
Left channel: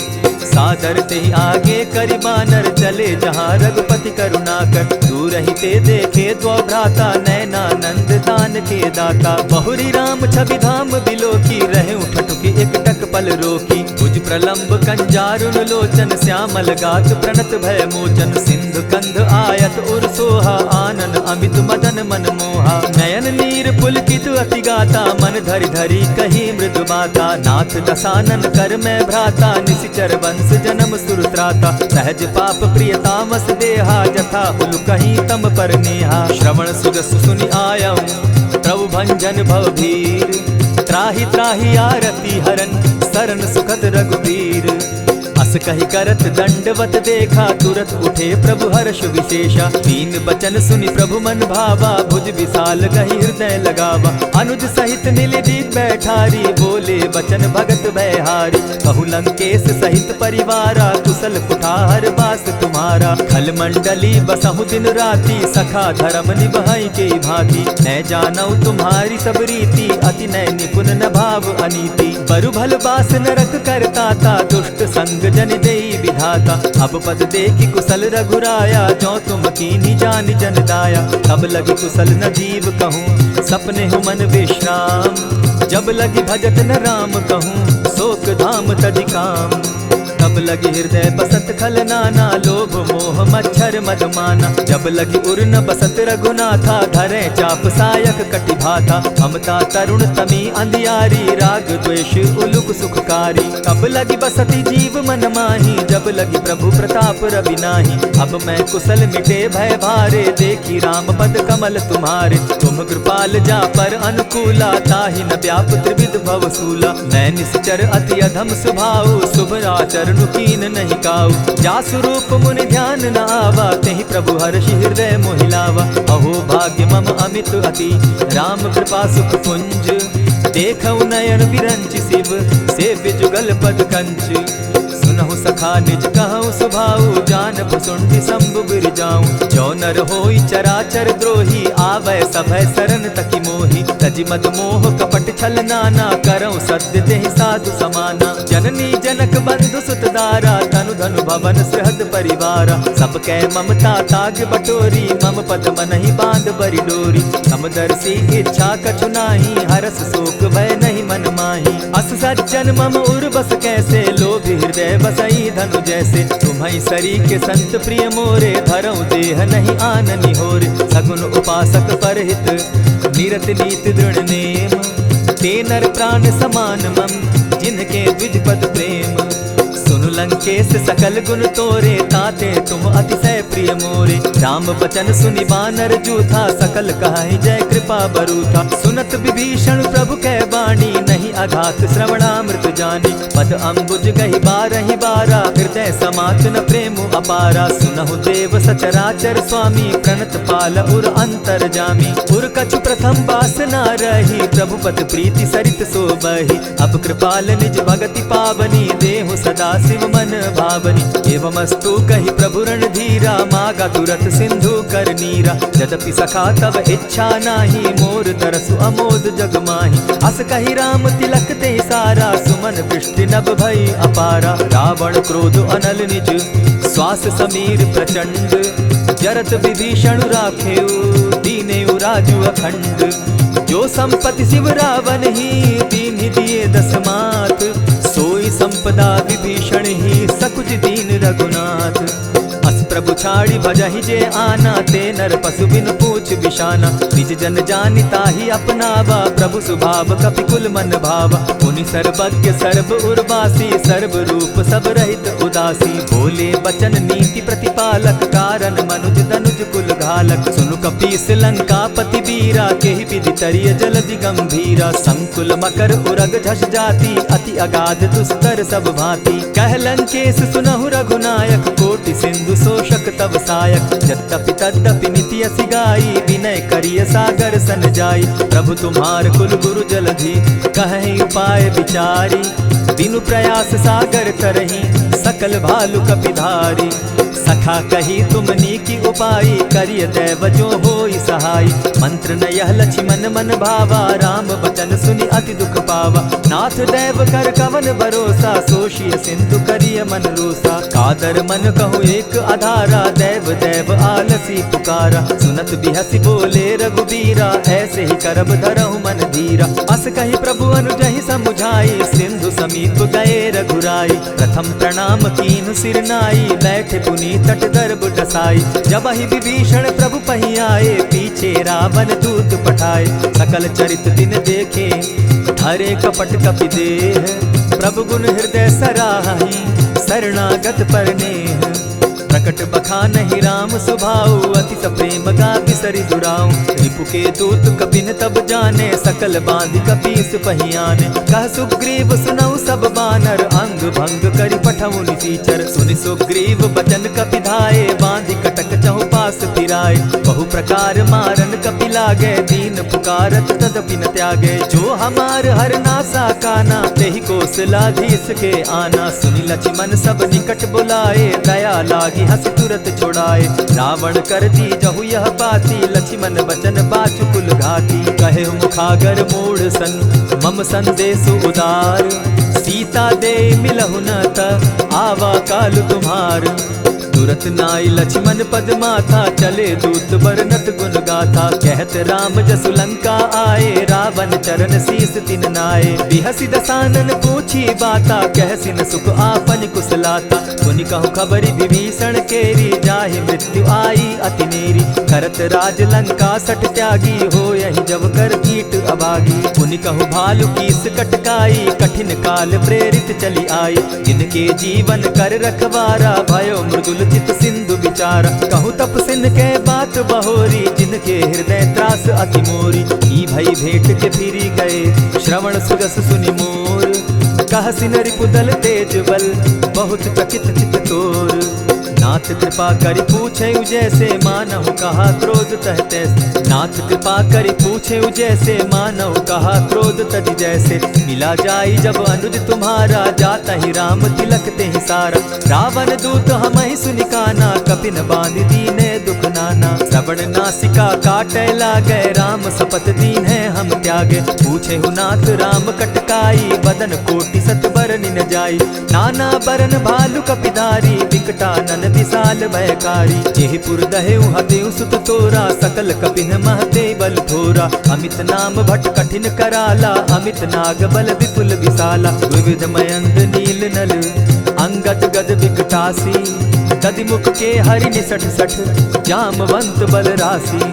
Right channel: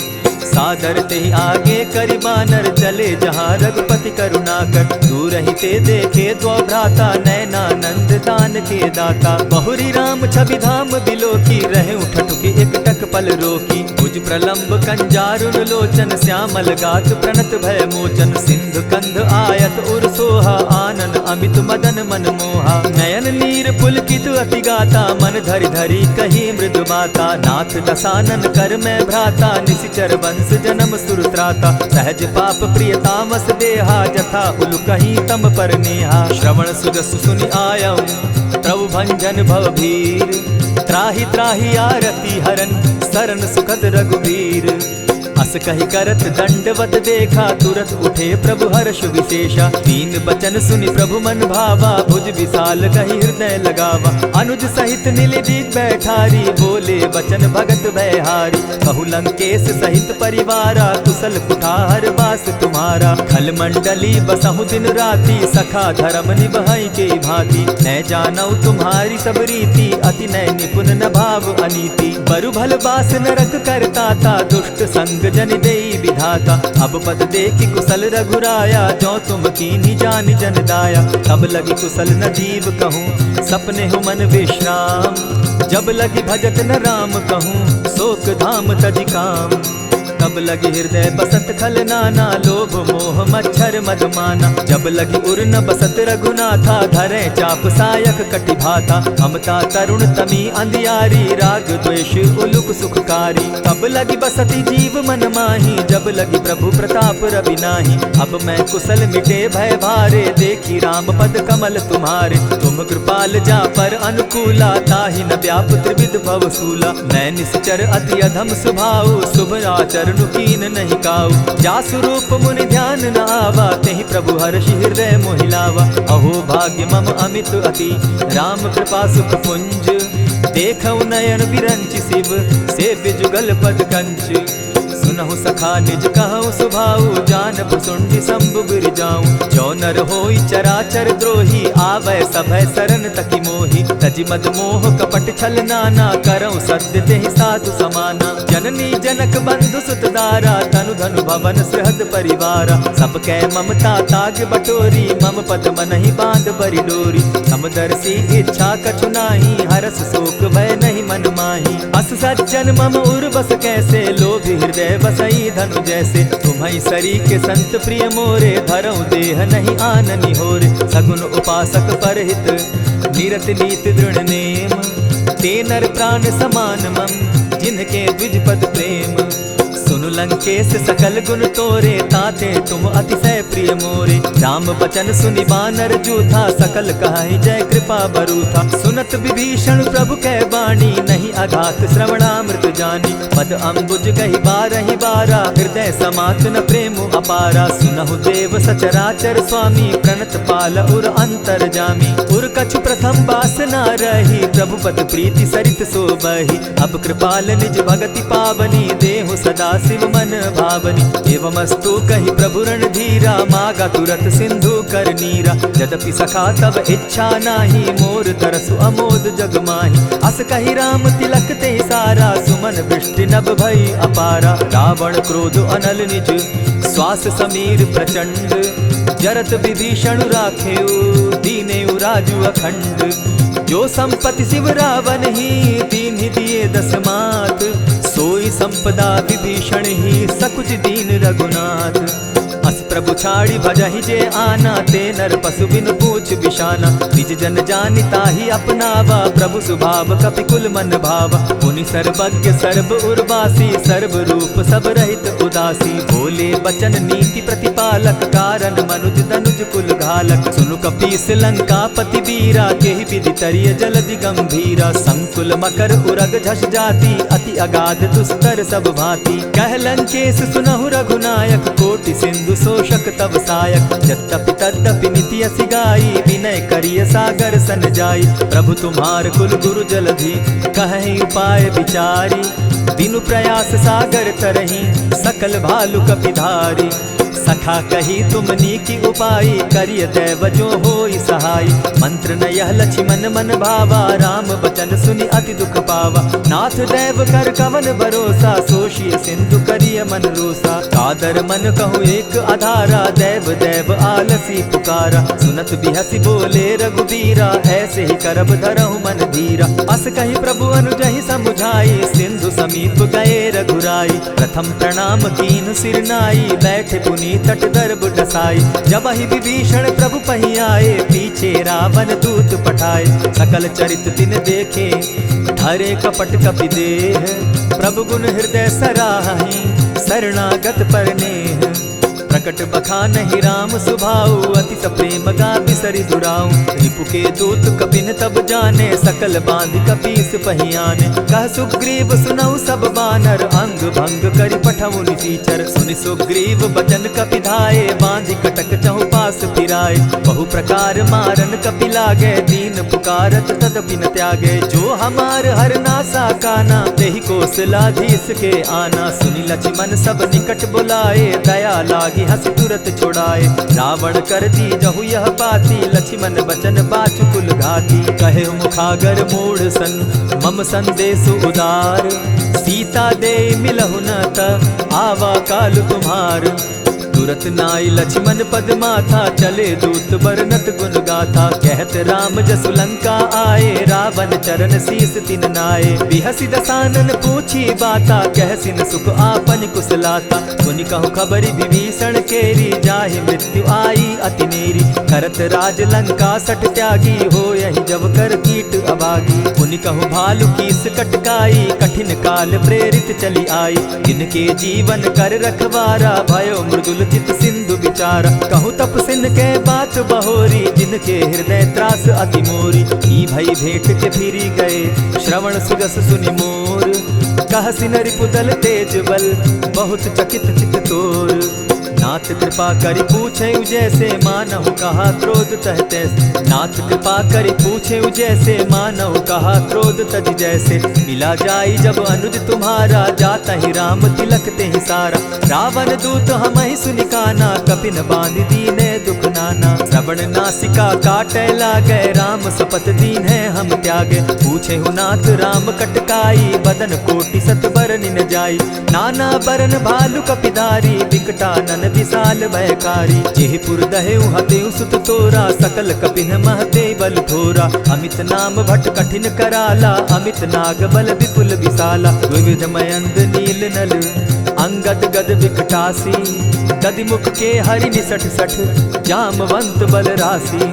सादर तेहि आगे करि बानर, चले जहाँ रघुपति करुणाकर। दूर ही ते देखे द्वौ भ्राता, नैनानंद दान के दाता। बहुरी राम छवि धाम बिलोकी, रहे उठठुकी एक टक पल रोकी। भुज प्रलंब कंजारुन लोचन, श्यामल गात प्रणत भय मोचन। सिंधु कंध आयत उर सोहा, आनन अमित मदन मन मोहा। नयन नीर पुलकित अति गाता, मन धरि धरि कही मृदु बाता। नाथ दसानन कर मैं भ्राता, निशिचर वंश जन्म सुरत्राता। सहज पाप प्रिय तामस देहा, जथा उलु कहीं तम पर नेहा। श्रवण सुजस सुनि आयऊ, प्रभु भंजन भव भीर। त्राहि त्राहि आरती हरन, सरन सुखद रघुवीर। अस कहि करत दंडवत देखा, तुरत उठे प्रभु हर्ष विशेषा। तीन बचन सुनि प्रभु मन भावा, भुज विशाल कहि हृदय लगावा। अनुज सहित नीलदीप बैठारी, बोले बचन भगत भयहारी। कहु लंकेश सहित परिवारा, कुशल कुठार बास तुम्हारा। खल मंडली बसहु दिन राति, सखा धर्म निभाई के भांति। न जानौ तुम्हारी सब रीति, अति नय निपुण न भाव अनीति। बरु भल बास नरक करताता, दुष्ट संग जन देई विधाता। अब पद देखि कुशल रघुराया, जो तुम कीन्ही जानि जन दाया। तब लगी कुशल न जीव कहूँ, सपने हो मन विश्राम। जब लगी भजत न राम कहूँ, शोक धाम तजि काम। तब लगी हृदय बसत खल नाना, लोभ मोह मच्छर मदमाना। जब लगी उर न बसत रघुनाथा, धरे चाप सायक कटि भाता। ममता तरुण तमी अंधियारी, राग द्वेष उलुक सुखकारी। तब लगी बसती जीव मन माही, जब लगी प्रभु प्रताप रवि नाही। अब मैं कुशल मिटे भय भारे, देखी राम पद कमल तुम्हारे। तुम कृपाल जा पर अनुकूला, ताहि न व्याप त्रिविध भव सूला। मैं निश्चर अति अधम स्वभाव, शुभ आचरण कीन नहीं काऊ। जासु रूप मुनि ध्यान न आवा, तेहि प्रभु हर्षि हृदय मोहिलावा। अहो भाग्य मम अमित अति, राम कृपा सुख पुंज। देखऊ नयन विरंचि शिव, सेव्य जुगल पद कंच। सुनहु सखा निज कहूँ सुभाऊ, जान भुसुंडि शंभु गिर जाऊं। जो नर होई चराचर द्रोही, आवै सभय सरन तकी मोही। तजि मद मोह कपट छल नाना, करऊँ सत्य तेहि साधु समाना। जननी जनक बंधु सुत दारा, तनु धनु भवन सृहद परिवारा। सब कै ममता ताग बटोरी, मम पद मनहि बांध बरि डोरी। समदर्शी इच्छा कछु नाही, हरस शोक भय नहीं मन माही। अस सज्जन मम उर बस कैसे, लोभ हृदय बसई धनु जैसे। तुम्हि सरी के संत प्रिय मोरे, धरऊ देह नहीं आननि होरे। सगुन उपासक परहित, निरत नीति दृढ़ नेम। ते नर प्राण समान मम, जिनके द्विज पद प्रेम। सुनु लंकेश सकल गुण तोरे, ताते तुम अतिशय प्रिय मोरे। राम बचन सुनि बानर जूथा, सकल कहाई जय कृपा बरूथा। सुनत विभीषण प्रभु कै बाणी, नहीं अघात श्रवणामृत जानी। पद अम्बुज गहि बारहि बारा, हृदय समात न प्रेम अपारा। सुनहु देव सचराचर स्वामी, प्रणत पाल उर अंतर जामी। उर कछु प्रथम बास न रही, प्रभु पद प्रीति सरित सोबहि। अब कृपाल निज भगति पावनी, देहु सदा शिव सुमन भावनी। एवमस्तु कहि प्रभु रणधीरा, मागा तुरत सिंधु कर नीरा। यद्यपि सखा तब इच्छा नाही, मोर तरसु अमोद जग माही। अस कहि राम तिलक ते सारा, सुमन वृष्टि नभ भई अपारा। रावण क्रोध अनल निज, श्वास समीर प्रचंड। जरत विभीषण राखेउ, दीनेउ राजु अखंड। जो संपत्ति शिव रावण ही, दीन्हि दिए दस मात। सोई संपदा विभीषण ही, सकुच दीन रघुनाथ। अस प्रभु छाड़ी भजहि जे आना, ते नर पशु बिन पूछ बिशाना। निज जन जानि ताहि अपनावा, प्रभु स्वभाव कपि कुल मन भावा। पुनि सर्वज्ञ सर्व उर्वासी, सर्व रूप सब रहित उदासी। बोले बचन नीति प्रतिपालक, कारण मनुज दनुज कुल घालक। सुनु कपीस लंकापति वीरा, केहि विधि तरिय जलधि गंभीरा। संकुल मकर उरग झष जाति, अति अगाध दुस्तर सब भांति। कह लंकेश सुनहु रघुनायक, कोटि सिंधु शोषक तव सायक। यद्यपि तद्यपि नीति असि गाई, विनय करिय सागर सन जाई। प्रभु तुम्हार कुल गुरु जलधि, कहि उपाय विचारी। बिनु प्रयास सागर तरही, सकल भालु कपिधारी। सखा कही तुम नीकी उपाई, करिय दैव जो होई सहाई। मंत्र न यह लक्ष्मण मन भावा, राम बचन सुनि अति दुख पावा। नाथ दैव कर कवन भरोसा, सोषिय सिंधु करिय मन रोसा। कादर मन कहूँ एक आधारा, दैव दैव आलसी पुकारा। सुनत बिहसी बोले रघुबीरा, ऐसे ही करब धरहु मन धीरा। अस कही प्रभु अनुजहि समुझाई, सिंधु समीप गए रघुराई। प्रथम प्रणाम कीन सिर नाई, बैठे पुनि तट दर्भ डसाई। जब ही विभीषण प्रभु पही आए, पीछे रावण दूत पठाए। सकल चरित तिन देखे, धरे कपट कपि देह। प्रभु गुण हृदय सराहि, शरणागत पर नेह। प्रकट बखानहि राम सुभाऊ, अति सप्रेम गा बिसरि दुराऊ। रिपु के दूत कपिन तब जाने, सकल बांधि कपीस पहियाने। कह सुग्रीव सुनऊ सब बानर, अंग भंग करि पठऊ निसीचर। सुनि सुग्रीव बचन कपि धाये, बांधि कटक चहु पास फिराए। बहु प्रकार मारन कपि लागे, दीन पुकारत तदपि न त्यागे। जो हमार हर नासा काना, तेहि कौशलाधीश के आना। सुनि लक्ष्मण सब निकट बुलाए, दया लागी हंसी तुरत छुड़ाए। रावण कर दी जहु यह बाती, लक्ष्मण बचन बाचुकुल घाती। कहे मुखागर मूढ़ सन, मम संदेश उदार। सीता दे मिलहु न त, आवा काल तुम्हार। तुरत नाई लक्ष्मण पद माथा, चले दूत बरनत गुण गाथा। कहत राम जसु लंका आए, रावण चरण शीस तिन नाये। बिहसि दसानन पूछी बाता, कहसिन सुख आपन कुशलाता। सुनि कहु खबरि विभीषण केरी, जाहि मृत्यु आई अति नेरी। करत राज लंका सठ त्यागी, हो यही जब कर कीट अभागी। पुनि कहु भालु कीस कटकाई, कठिन काल प्रेरित चली आई। जिनके जीवन कर रखवारा, भयो मृदुल चित सिंधु विचारा। कहूँ तपसिन के बात बहोरी, जिनके हृदय त्रास अति मोरी। ई भई भेंट के फिरी गए, श्रवण सुजस सुनि मोर। कहसिन रिपुदल तेज बल, बहुत चकित चित तोर। नाथ कृपा करि पूछे जैसे, मानहु कहा क्रोध तह तैसे। नाथ कृपा करि पूछे जैसे, मानहु कहा क्रोध तज जैसे। मिला जाई जब अनुज तुम्हारा, जाता ही राम तिलक ते ही सारा। रावण दूत हम ही सुनि काना, कपिन बांधि दीने दुख नाना। श्रवण नासिका काटे लागे, राम सपत दीन है हम त्यागे। पूछे हु नाथ राम कटकाई, बदन कोटि सत बरनि न जाई। नाना बरन भालु कपिधारी, विकटानन विशाल भयकारी। जेहि पुर दहेउ हतेउ सुत तोरा, सकल कपिन महते बल थोरा। अमित नाम भट कठिन कराला, अमित नाग बल विपुल विशाला। विविध मयंद नील नल, अंगद गद विकटासी। दधि मुख के हरि निसठ सठ, जामवंत बल राशि।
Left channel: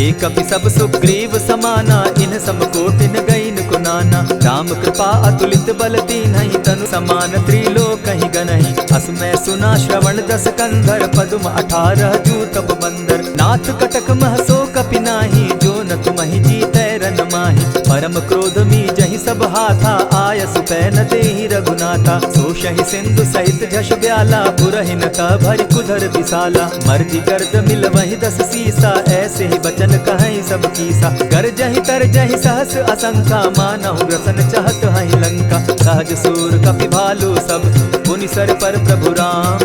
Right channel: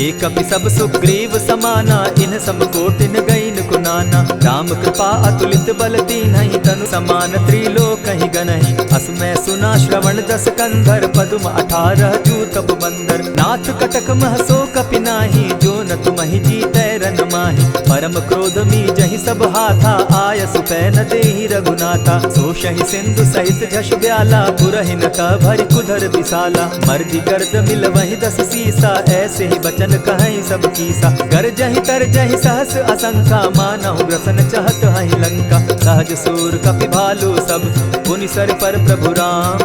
एक कपि सब सुग्रीव समाना, इन समकोटिन गईन कुनाना। राम कृपा अतुलित बल तीन्हि, तनु समान त्रिलोक ही गनहि। असमय सुना श्रवण दस कंधर, पदुम 18 जूतब बंदर। नाथ कटक महसो कपि नाही, जो न तुमहि जीतै रन माहि। परम क्रोध मी जहि सब हाथा, आय सुपै न देहि रघुनाथा। सोषहि सिंधु सहित झष ब्याला, पुरहि न भरि कुधर विशाला। मर्दि गर्द मिल वहि 10 सीसा, ऐसे ही बचन कहीं सब कीसा। गरजहि तरजहि सहस असंखा, मानहु ग्रसन चहत हहि लंका। सहज सूर कपि भालु सब, पुनि सर पर प्रभु राम।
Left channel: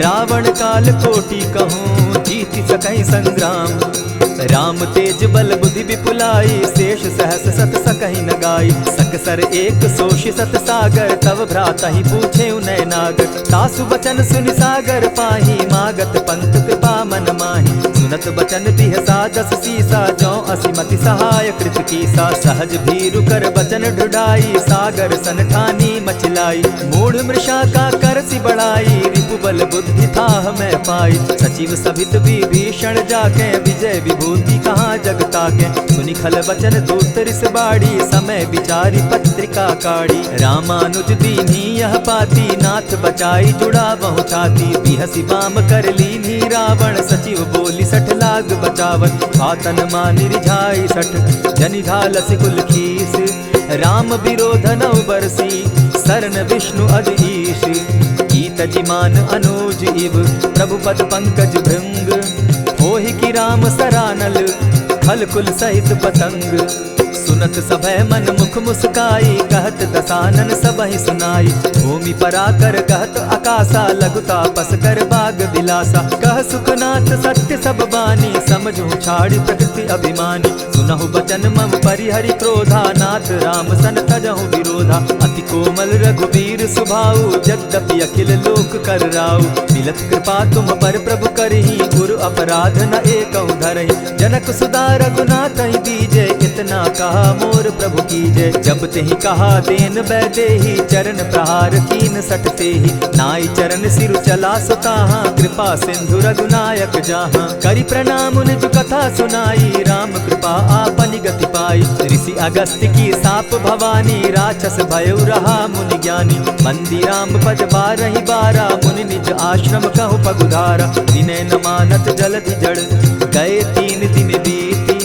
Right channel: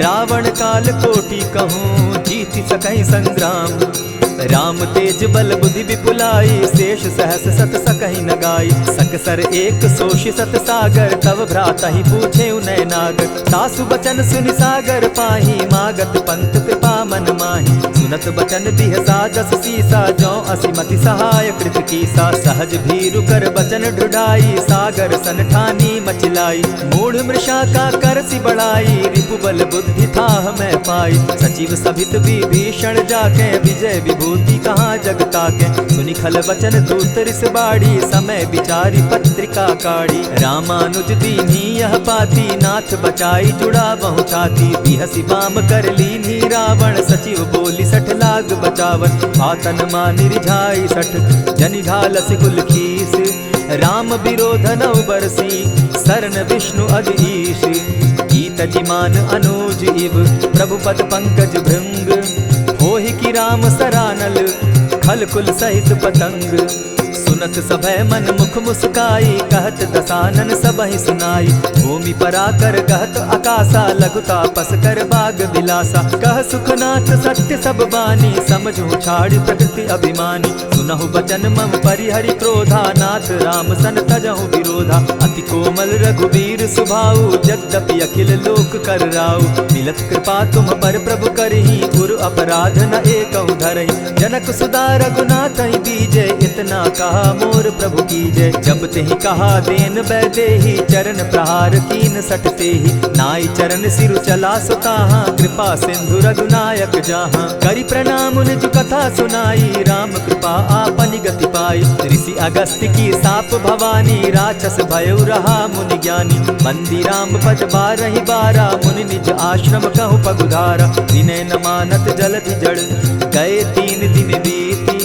रावण काल कोटि कहूँ जीति सकहि संग्राम। राम तेज बल बुद्धि विपुलाई शेष सहस सत सकहि न गाई। सकसर एक सोषि सत सागर तव भ्राता ही पूछे उनय नागर। तासु बचन सुनि सागर पाही मागत पंत कृपा मन माही। सुनत बचन दिह सादस सीसा जौ असिमति सहाय कृत कीसा। सहज भीरु कर बचन ढुढ़ाई सागर सन ठानी मचिलाई। मूढ़ मृषा का करसि बढ़ाई रिपु बल बुद्धि थाह मैं पाई। सचिव सभित विभीषण जाके विजय विभूति कहाँ जगता के। सुनि खल बचन दूत रिस बाड़ी समय विचारी पत्रिका काढ़ी। रामानुज दीन्ही यह पाती नाथ बचाई जुड़ा बहु छाती। बिहसी बाम कर लीनी रावण सचिव बोली सठ लाग बचावन। आतन मानि रिझाई सठ जनि घालसि कुल खीस। राम विरोध नव बरसी सरन विष्णु अज ईश। गीत जिमान अनुज इव प्रभु पद पंकज भृंग। होहि कि राम सरानल खल कुल सहित पतंग। सुनत सभय मन मुख मुस्काई कहत दसानन सबहि सुनाई। भूमि पराकर कहत आकाशा लघु तापस कर बाग बिलासा। कह सुखनाथ सत्य सब बानी समझू छाड़ी प्रकृति अभिमानी। सुनहु बचन मम परिहरि क्रोधा नाथ राम सन तजहु विरोधा। अति कोमल रघुबीर सुभाऊ यद्यपि अखिल लोक कर राऊ। मिलत कृपा तुम पर प्रभु करही गुरु अपराध न एकहु धरहि। जनक सुदा रघुनाथ ही दीजे इतना कहा मोर प्रभु की जय। जब तेहि कहा देन बैदेही चरण प्रहार कीन सट तेहि। नाई चरण सिरु चला सुताहा कृपा सिंधु रघुनायक जाहा। करि प्रणाम निज कथा सुनाई राम कृपा आपनि गति पाई। ऋषि अगस्त्य की साप भवानी राक्षस भयउ रहा मुनि ज्ञानी। बंदी राम पद बारहि बारा मुनि निज आश्रम कहु पगुधारा। विनय न मानत जलधि जड़ गए 3 दिन बीती।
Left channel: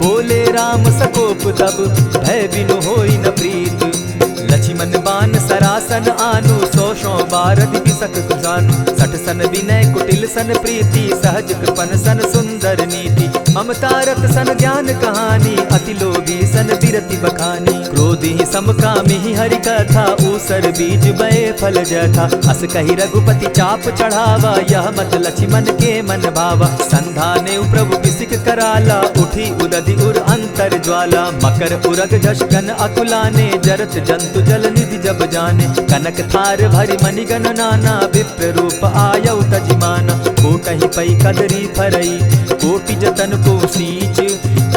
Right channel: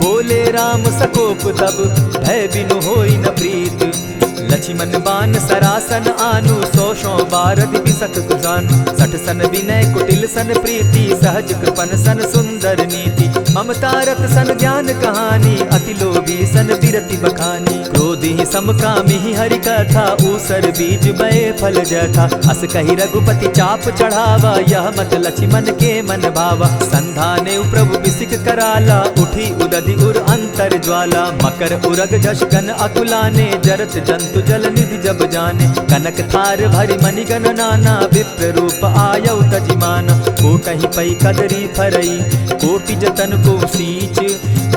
बोले राम सकोप तब भय बिनु होई न प्रीत। लक्ष्मण बान सरासन आनु 100 बारदि बिसक कुजानु। 60 सन विनय कुटिल सन प्रीति सहज कृपन सन सुंदर नीति। ममता रत सन ज्ञान कहानी अति लोभी सन बिरति बखानी। क्रोधी समकामी हरि कथा ऊसर बीज बये फल जथा। अस कही रघुपति चाप चढ़ावा यह मत लक्ष्मण के मन भावा। संधाने प्रभु बिसिक कराला उठी उदधि उर अंतर ज्वाला। मकर उरग झष गन अकुलाने जरत जंतु जल निधि जब जाने। कनक थार भरि मणिगण नाना विप्र रूप आयउ तजिमाना। कोटहि पै कदरी फरई कोटि जतन को सींच।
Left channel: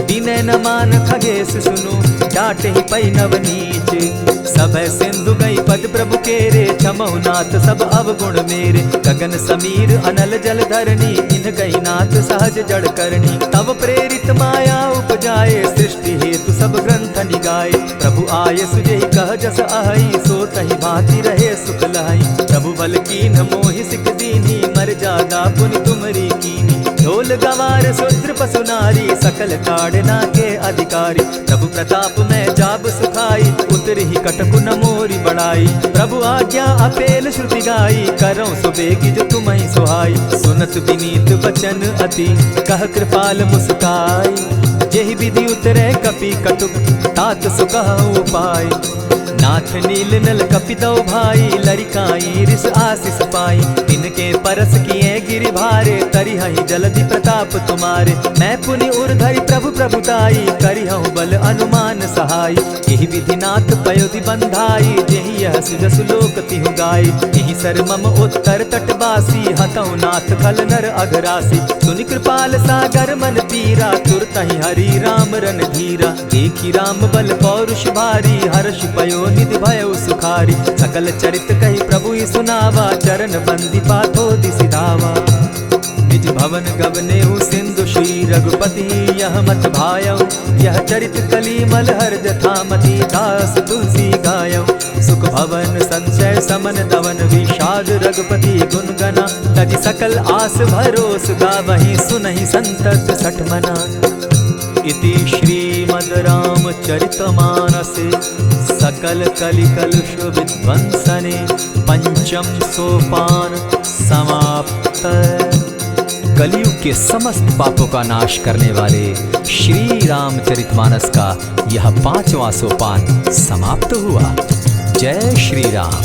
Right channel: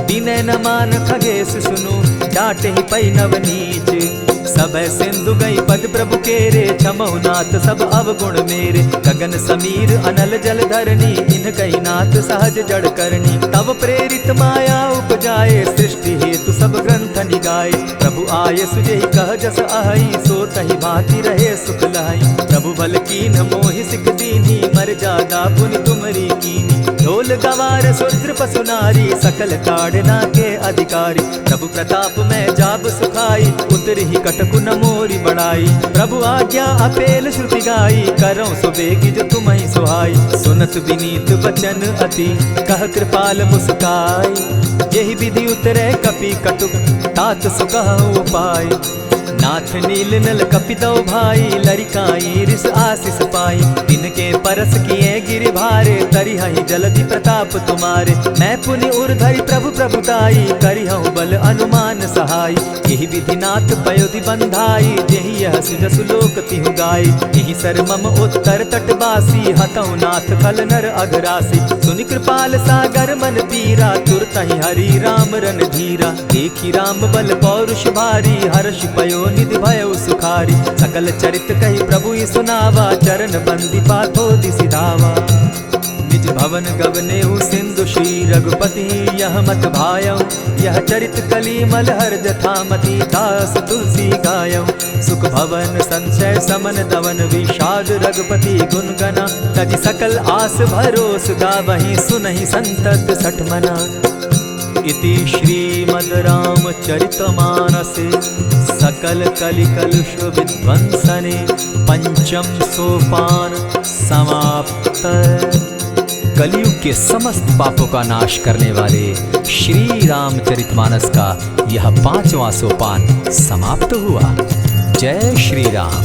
दिनै न मान खगेश सुनु डांटहि पै नव नीच। सब सिंधु गई पद प्रभु केरे छमहु नाथ सब अवगुण मेरे। गगन समीर अनल जल धरनी इन गई नाथ सहज जड़ करनी। तब प्रेरित माया उपजाए सृष्टि हेतु सब ग्रंथ निगाए। प्रभु आय सुजहि कह जस अहई सो तहि भांति रहे सुख लहई। प्रभु बल कीन मोहि सिख दीनी मर्यादा पुनि तुमरी कीनी। ढोल गवार शूद्र पशु नारी सकल ताड़ना के अधिकारी। प्रभु प्रताप में जाब सुखाई उतरहि कटकु न मोरी बढ़ाई। प्रभु आज्ञा अपेल श्रुति गाई करौ सुबेगी जो तुम्हि सुहाई। सुनत विनीत बचन अति कह कृपाल मुस्काई। जेहि विधि उतरे कपि कटुक तात सुकहु उपाय। नाथ नील नल कपितौ भाई लरिकाई रिस आशीष पाई। तिनके परस किए गिरि भारे तरिहहि जलधि प्रताप तुम्हारे। मैं पुनि उर्धरि प्रभु प्रभुताई करिहु बल अनुमान सहाय। यही विधि नाथ पयोधि बंधाई जेहि यह सुजसु लोक तिहु गाई। यही सर मम उत्तर तटवासी हतौ नाथ खल नर अघरासी। सुनि कृपाल सागर मन पीरा तुरतहि हरि राम रन धीरा। देखी राम बल पौरुष भारी हर्ष पयो निधि भयउ सुखारी। सकल चरित कही प्रभु ही सुनावा चरण बंदी पाथो दिसि धावा। निज भवन गवनेहु सिंधु श्री रघुपति यह मत भायौ। यह चरित कली मलहर जथामति दास तुलसी गायौ। सुख भवन संशय समन दवन विषाद रघुपति गुण गना। तजि सकल आस भरोस गावहि सुनहि संतत सठ मना। इति श्रीमद् रामचरितमानसे सकल कलिकलुष विध्वंसने पंचम सोपान समाप्त। कलयुग के समस्त पापों का नाश करने वाले श्री रामचरितमानस का यह 5वां सोपान समाप्त हुआ। जय श्री राम।